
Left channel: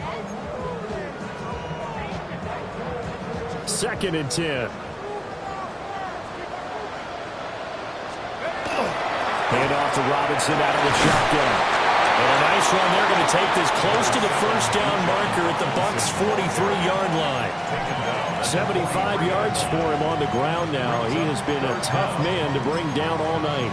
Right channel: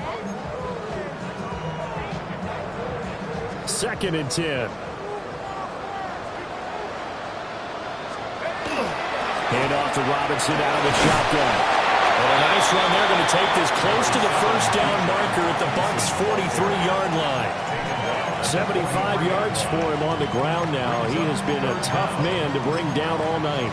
2nd and 10. Hand off to Robinson out of the shotgun. And a nice run. They're going to take this close to the first down marker at the Bucs' 43-yard line. 75 yards for him on the ground now. He has been a tough man to bring down all night.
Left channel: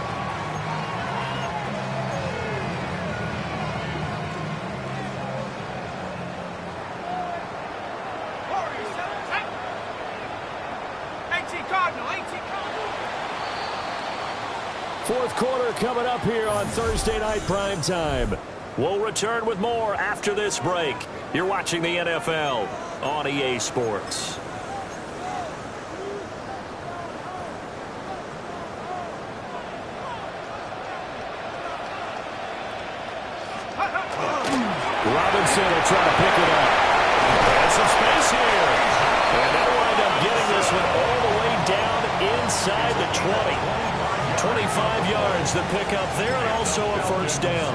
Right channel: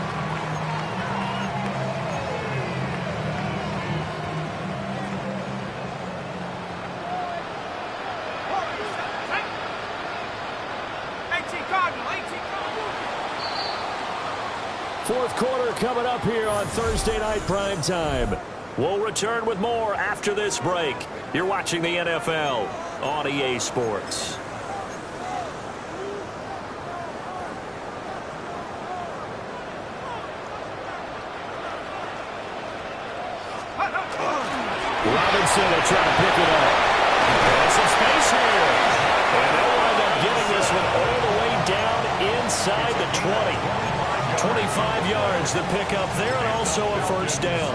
Fourth quarter coming up here on Thursday Night Prime Time. We'll return with more after this break. You're watching the NFL on EA Sports. Robinson will try to pick it up. And some space here. And they'll wind up getting this one all the way down inside the 20. 25 yards the pick up there, and also a first down.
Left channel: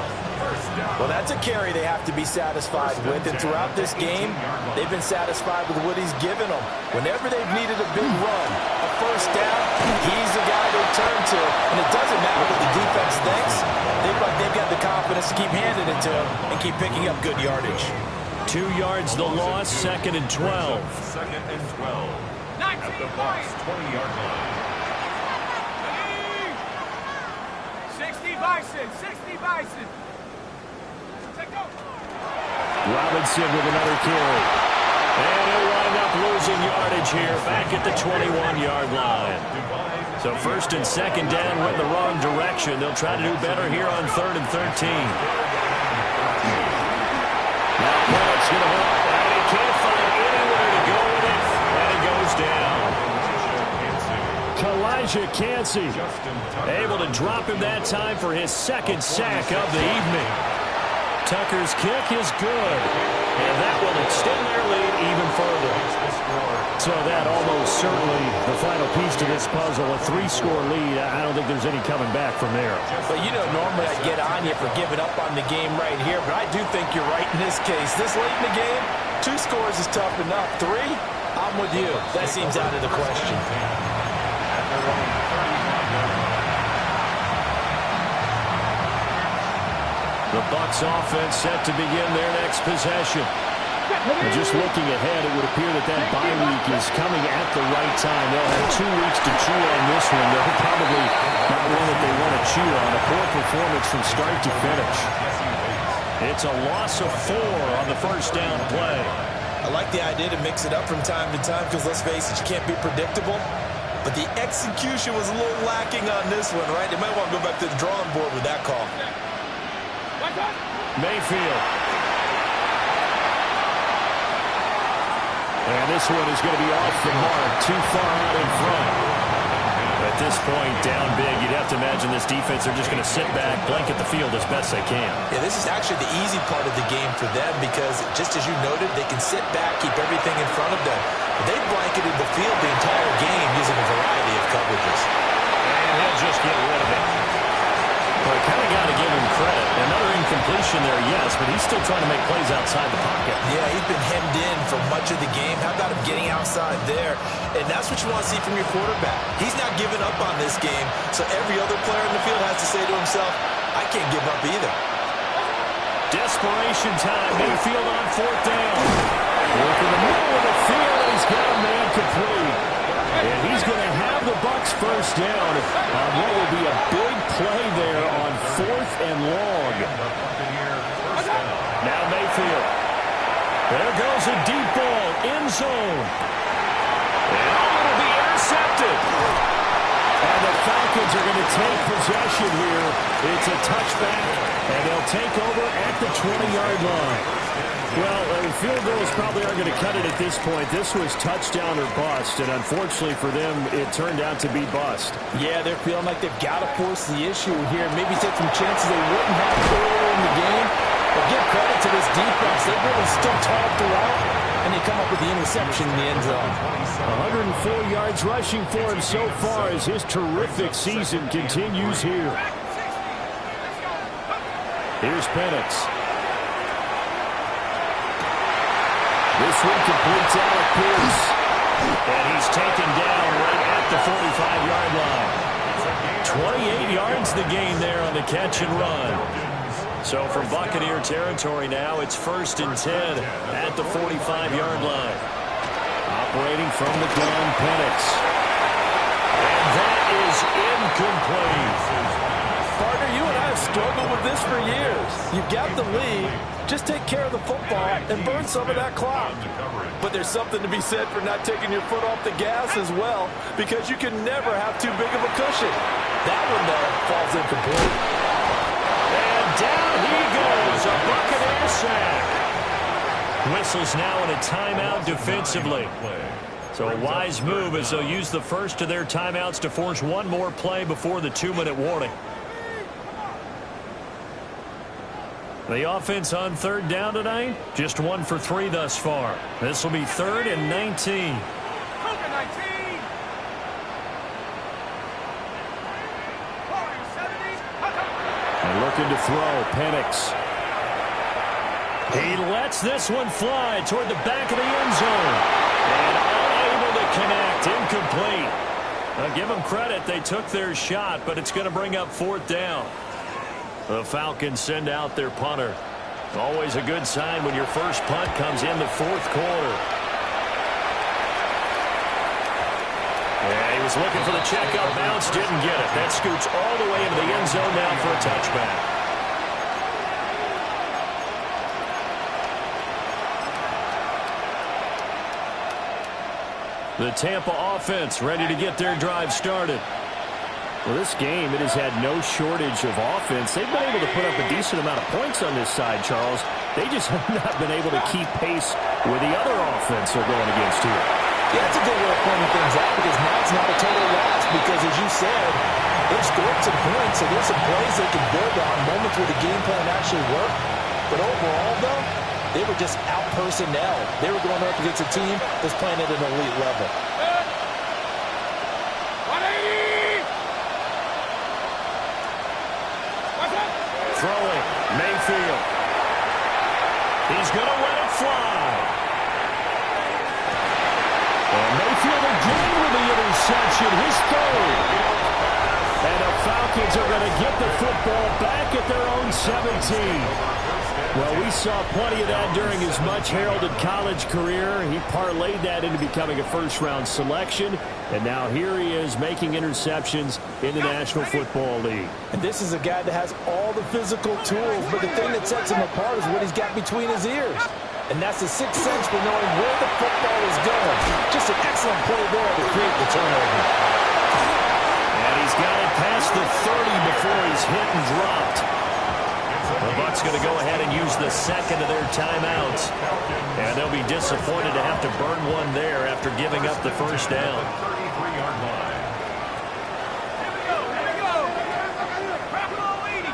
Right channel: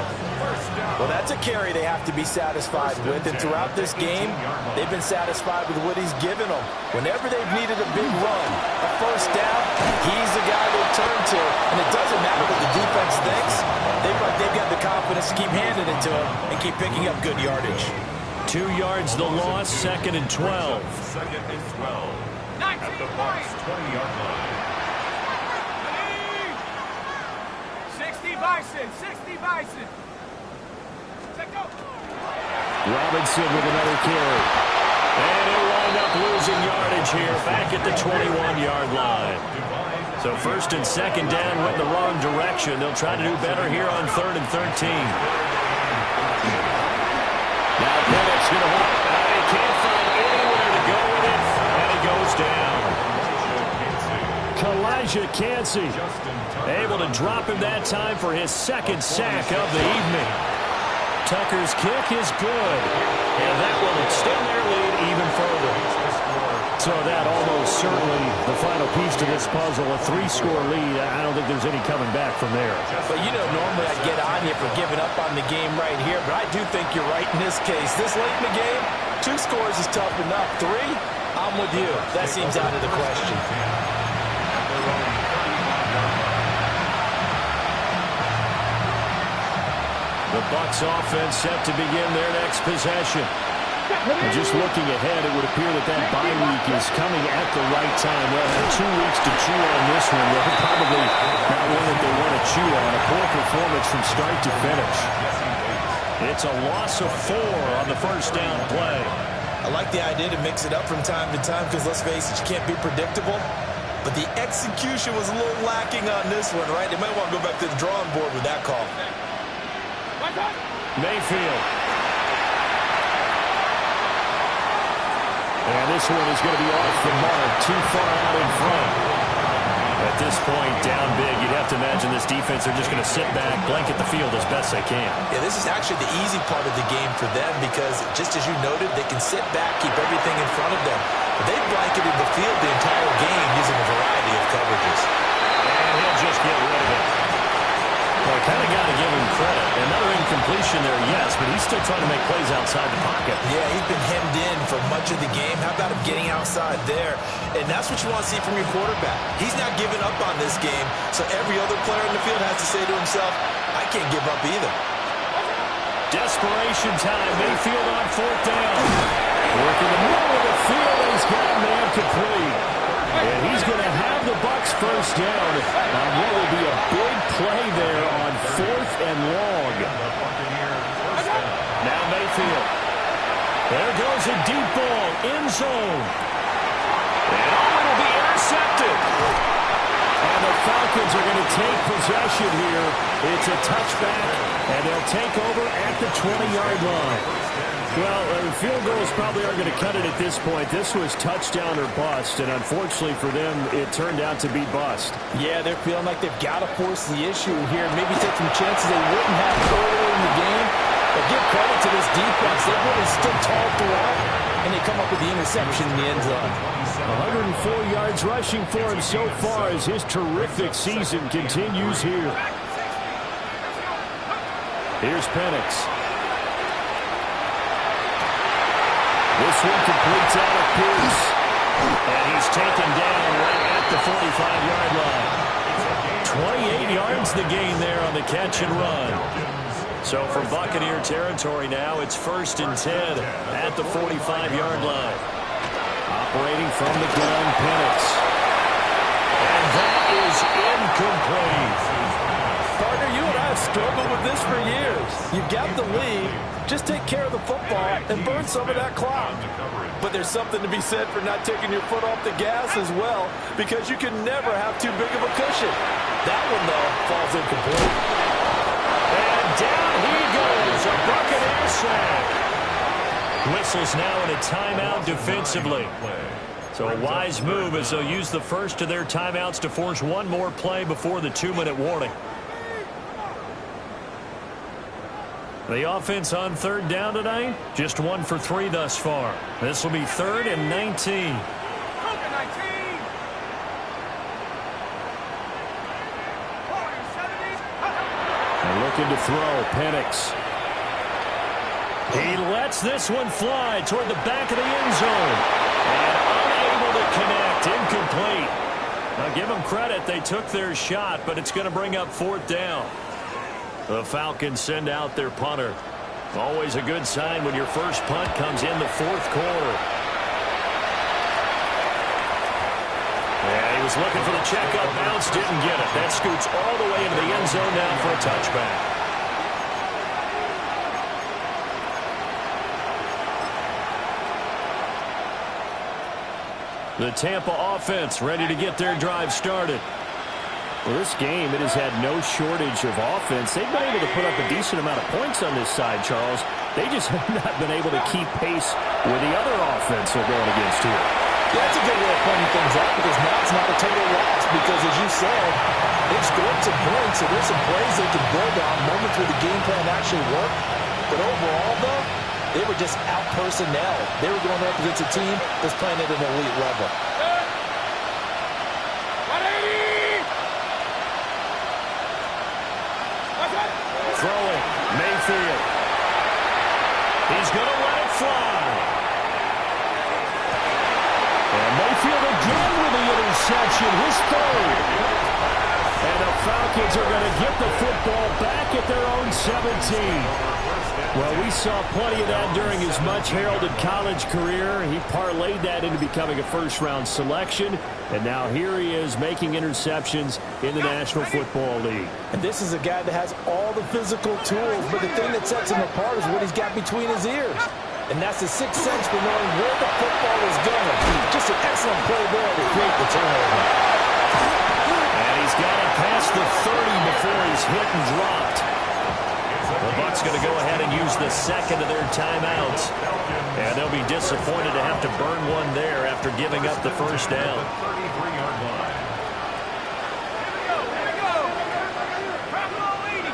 Well, that's a carry they have to be satisfied with, and throughout this game, they've been satisfied with what he's given them. Whenever they've needed a big run, a first down, he's the guy they turn to, and it doesn't matter what the defense thinks. They've got the confidence to keep handing it to him and keep picking up good yardage. 2 yards the loss, 2nd and 12. 2nd and 12. At the Bucs 20-yard line. 60 Bison, 60 Bison. Robinson with another carry. And he'll wind up losing yardage here back at the 21-yard line. So 1st and 2nd down went the wrong direction. They'll try to do better here on 3rd and 13. Now Bennett's going to hold, and he can't find anywhere to go with it, and he goes down. Elijah Cansey Able to drop him that time for his 2nd sack of the evening. Tucker's kick is good, and that will extend their lead even further. So that almost certainly the final piece to this puzzle, a 3-score lead. I don't think there's any coming back from there. But, you know, normally I'd get on you for giving up on the game right here, but I do think you're right in this case. This late in the game, 2 scores is tough enough. 3, I'm with you. That seems out of the question. At their own 35-yard line. The Bucs offense set to begin their next possession. And just looking ahead, it would appear that bye week is coming at the right time. They'll have 2 weeks to chew on this one. They'll probably not one that they want to chew on. A poor performance from start to finish. It's a loss of 4 on the first down play. I like the idea to mix it up from time to time because, let's face it, you can't be predictable. But the execution was a little lacking on this one, right? They might want to go back to the drawing board with that call. Mayfield. And this one is going to be off the mark, too far out in front. At this point, down big, you'd have to imagine this defense are just going to sit back, blanket the field as best they can. Yeah, this is actually the easy part of the game for them because, just as you noted, they can sit back, keep everything in front of them. But they've blanketed the field the entire game using a variety of coverages. And he'll just get rid of it. Well, I kind of got to give him credit. Another incompletion there, yes, but he's still trying to make plays outside the pocket. Yeah, he's been hemmed in for much of the game. How about him getting outside there? And that's what you want to see from your quarterback. He's not giving up on this game, so every other player in the field has to say to himself, I can't give up either. Desperation time. Mayfield on 4th down. Work in the middle of the field, and he's got a man complete. And he's going to have the Bucs first down on what will be a big play there on 4th and long. Now Mayfield. There goes a deep ball, end zone. And it'll be intercepted. And the Falcons are going to take possession here. It's a touchback, and they'll take over at the 20-yard line. Well, field goals probably aren't going to cut it at this point. This was touchdown or bust, and unfortunately for them, it turned out to be bust. Yeah, they're feeling like they've got to force the issue here. Maybe take some chances they wouldn't have earlier in the game. But give credit to this defense. They've really stood tall throughout, and they come up with the interception in the end zone. 104 yards rushing for him so far as his terrific season continues here. Here's Penix. This one completes Alec Pierce. And he's taken down right at the 45-yard line. 28 yards the gain there on the catch and run. So from Buccaneer territory now, it's 1st and 10 at the 45-yard line. Operating from the gun, Penix. And that is incomplete. partner, you and I have struggled with this for years. You've got the lead. Just take care of the football and burn some of that clock. But there's something to be said for not taking your foot off the gas as well, because you can never have too big of a cushion. That one, though, falls incomplete. And down he goes, a Buccaneer sack. Whistles now in a timeout defensively. So a wise move as they'll use the first of their timeouts to force one more play before the 2-minute warning. The offense on third down tonight, just 1 for 3 thus far. This will be 3rd and 19. And looking to throw, Penix. He lets this one fly toward the back of the end zone. And unable to connect, incomplete. Now give them credit, they took their shot, but it's going to bring up 4th down. The Falcons send out their punter. Always a good sign when your first punt comes in the 4th quarter. Yeah, he was looking for the checkup bounce, didn't get it. That scoots all the way into the end zone now for a touchback. The Tampa offense ready to get their drive started. Well, this game, it has had no shortage of offense. They've been able to put up a decent amount of points on this side, Charles. They just have not been able to keep pace with the other offense they're going against here. Yeah, that's a good way of pointing things out, because now it's not a total loss, because as you said, they've scored some points, so there's some plays they can build on, moments where the game plan actually worked. But overall, though, they were just out-personnelled. They were going up against a team that's playing at an elite level. 180! Throwing, Mayfield. He's going to let it fly. And Mayfield again with the interception, his 3rd. And the Falcons are going to get the football back at their own 17. Well, we saw plenty of that during his much-heralded college career. He parlayed that into becoming a first-round selection, and now here he is making interceptions in the National Football League. And this is a guy that has all the physical tools, but the thing that sets him apart is what he's got between his ears. And that's the sixth sense for knowing where the football is going. Just an excellent play there to create the turnover. And he's got it past the 30 before he's hit and dropped. The Bucs going to go ahead and use the second of their timeouts. And they'll be disappointed to have to burn one there after giving up the first down. 33-yard line. Here we go. Buffalo 80.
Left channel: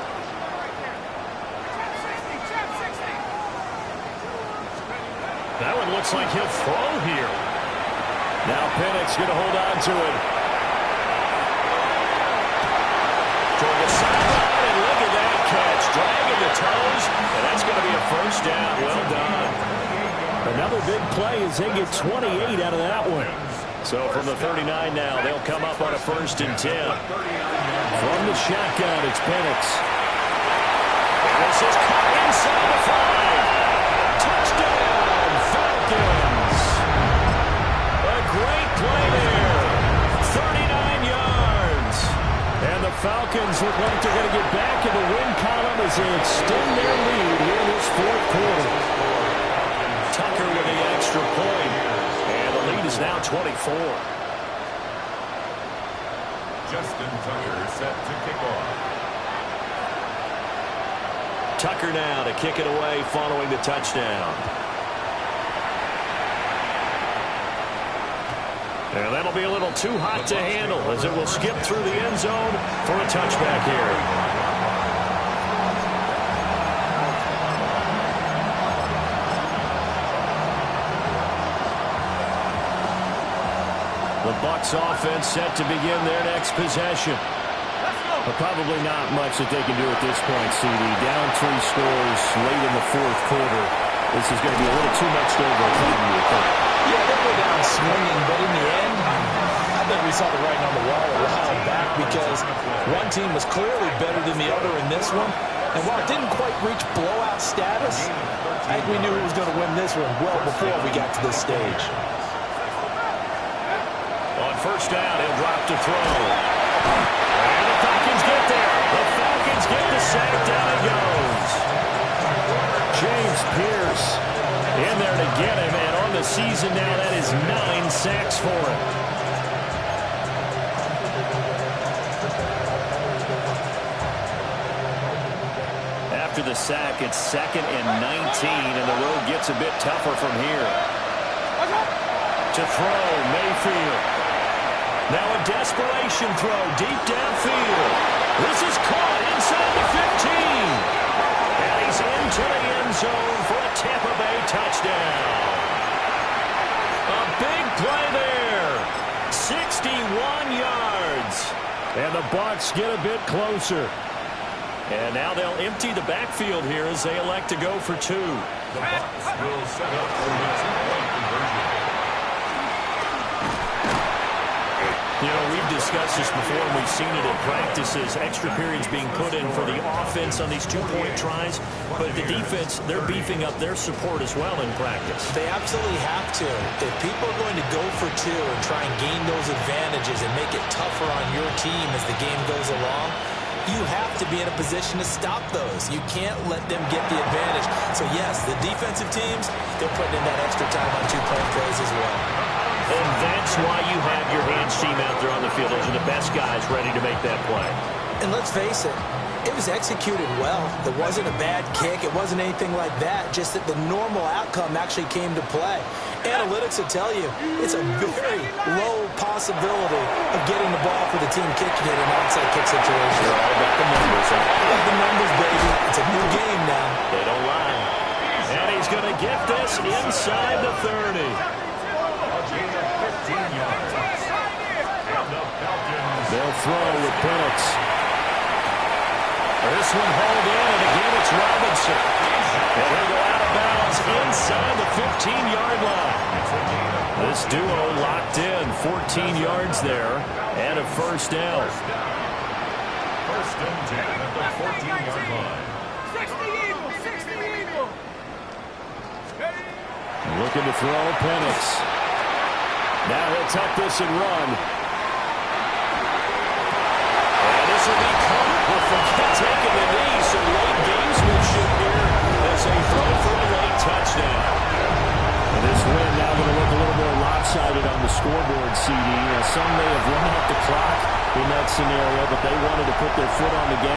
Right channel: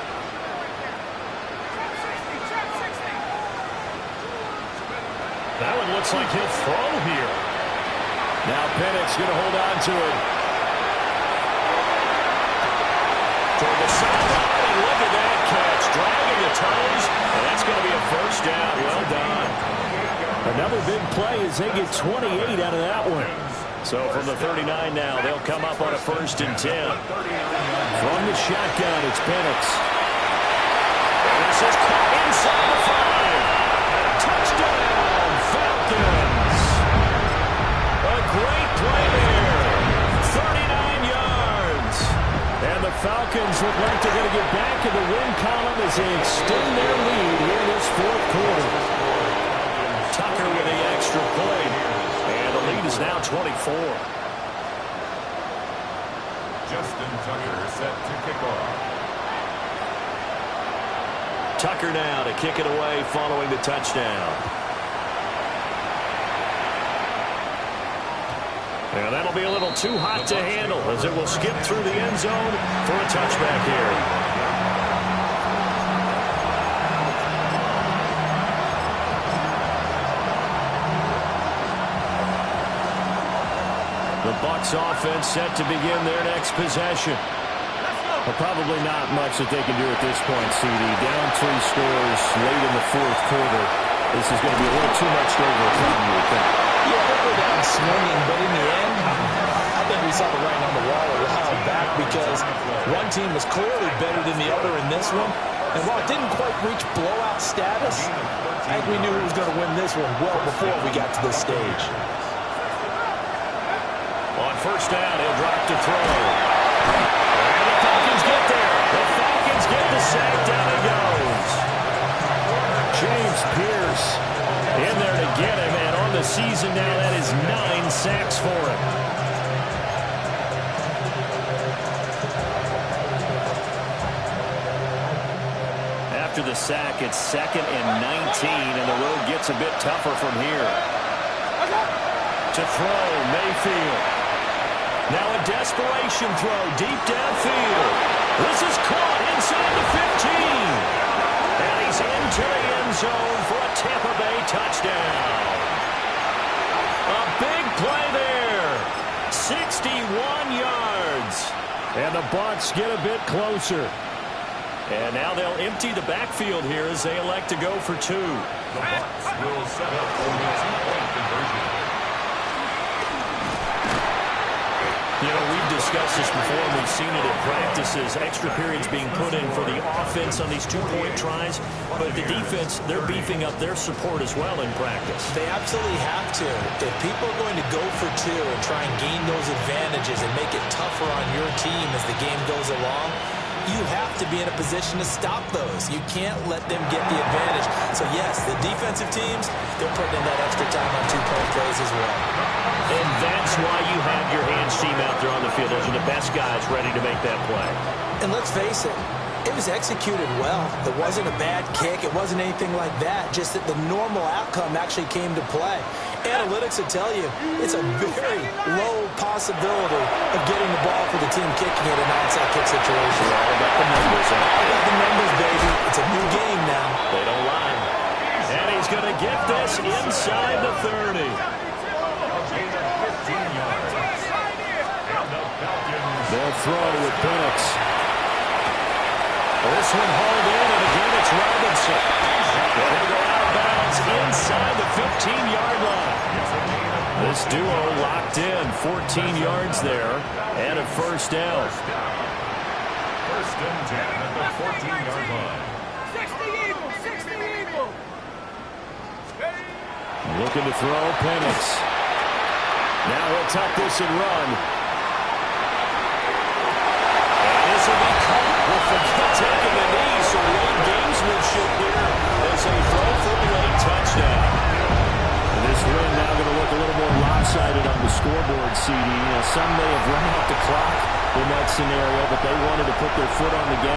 Check 60. That one looks like he'll throw here. Now Penix going to hold on to it. Toward the sideline, and look at that catch. Dragging the toes, and that's going to be a first down. Well done. Another big play as they get 28 out of that one. So from the 39 now, they'll come up on a 1st and 10. From the shotgun, it's Penix. And this is caught inside the 5. Touchdown, Falcons. A great play there. 39 yards. And the Falcons look like they're going to get back in the win column as they extend their lead here in this 4th quarter. Tucker with the extra point. And the lead is now 24. Justin Tucker set to kick off. Tucker now to kick it away following the touchdown. And that'll be a little too hot to handle as it will skip through the end zone for a touchback here. The Bucs offense set to begin their next possession. But probably not much that they can do at this point, CD. Down 3 scores late in the 4th quarter. This is going to be a little too much to overcome, you would think. Yeah, they'll go down swinging, but in the end, I think we saw the writing on the wall a while back, because one team was clearly better than the other in this one. And while it didn't quite reach blowout status, I think we knew who was going to win this one well before we got to this stage. On 1st down, he'll drop to throw. And the Falcons get there. The Falcons Falcons get the sack. Down he goes. James Pierce in there to get him. And on the season now, that is 9 sacks for him. After the sack, it's 2nd and 19, and the road gets a bit tougher from here. To throw, Mayfield. Now a desperation throw deep downfield. This is caught inside the 15. And he's into the end zone for a Tampa Bay touchdown. A big play there. 61 yards. And the Bucs get a bit closer. And now they'll empty the backfield here as they elect to go for 2. The Bucs will set up for the 2-point conversion. You know, we've discussed this before, and we've seen it at practices, extra periods being put in for the offense on these 2-point tries. But the defense, they're beefing up their support as well in practice. They absolutely have to. If people are going to go for 2 and try and gain those advantages and make it tougher on your team as the game goes along, you have to be in a position to stop those. You can't let them get the advantage. So, yes, the defensive teams, they're putting in that extra time on 2-point plays as well. And that's why you have your hands team out there on the field. Those are the best guys ready to make that play. And let's face it, it was executed well. It wasn't a bad kick. It wasn't anything like that. Just that the normal outcome actually came to play. Analytics will tell you it's a very low possibility of getting the ball for the team kicking it in an onside kick situation. They're all about the numbers. All about the numbers, baby. It's a new game now. They don't lie. And he's going to get this inside the 30. Gain of 15 yards. And the Falcons. They'll throw with Penix. This one hauled in, and again it's Robinson. And he'll go out of bounds inside the 15-yard line. This duo locked in, 14 yards there, and a first down. First and 10 at the 14-yard line. 60 Eagles! Looking to throw, Penix. Now he'll tuck this and run. And this will be caught. Will forget taking the knee, so late gamesmanship here as they throw for a late touchdown. And this win now going to look a little more lopsided on the scoreboard, CD. Now, some may have run out the clock in that scenario, but they wanted to put their foot on the gas.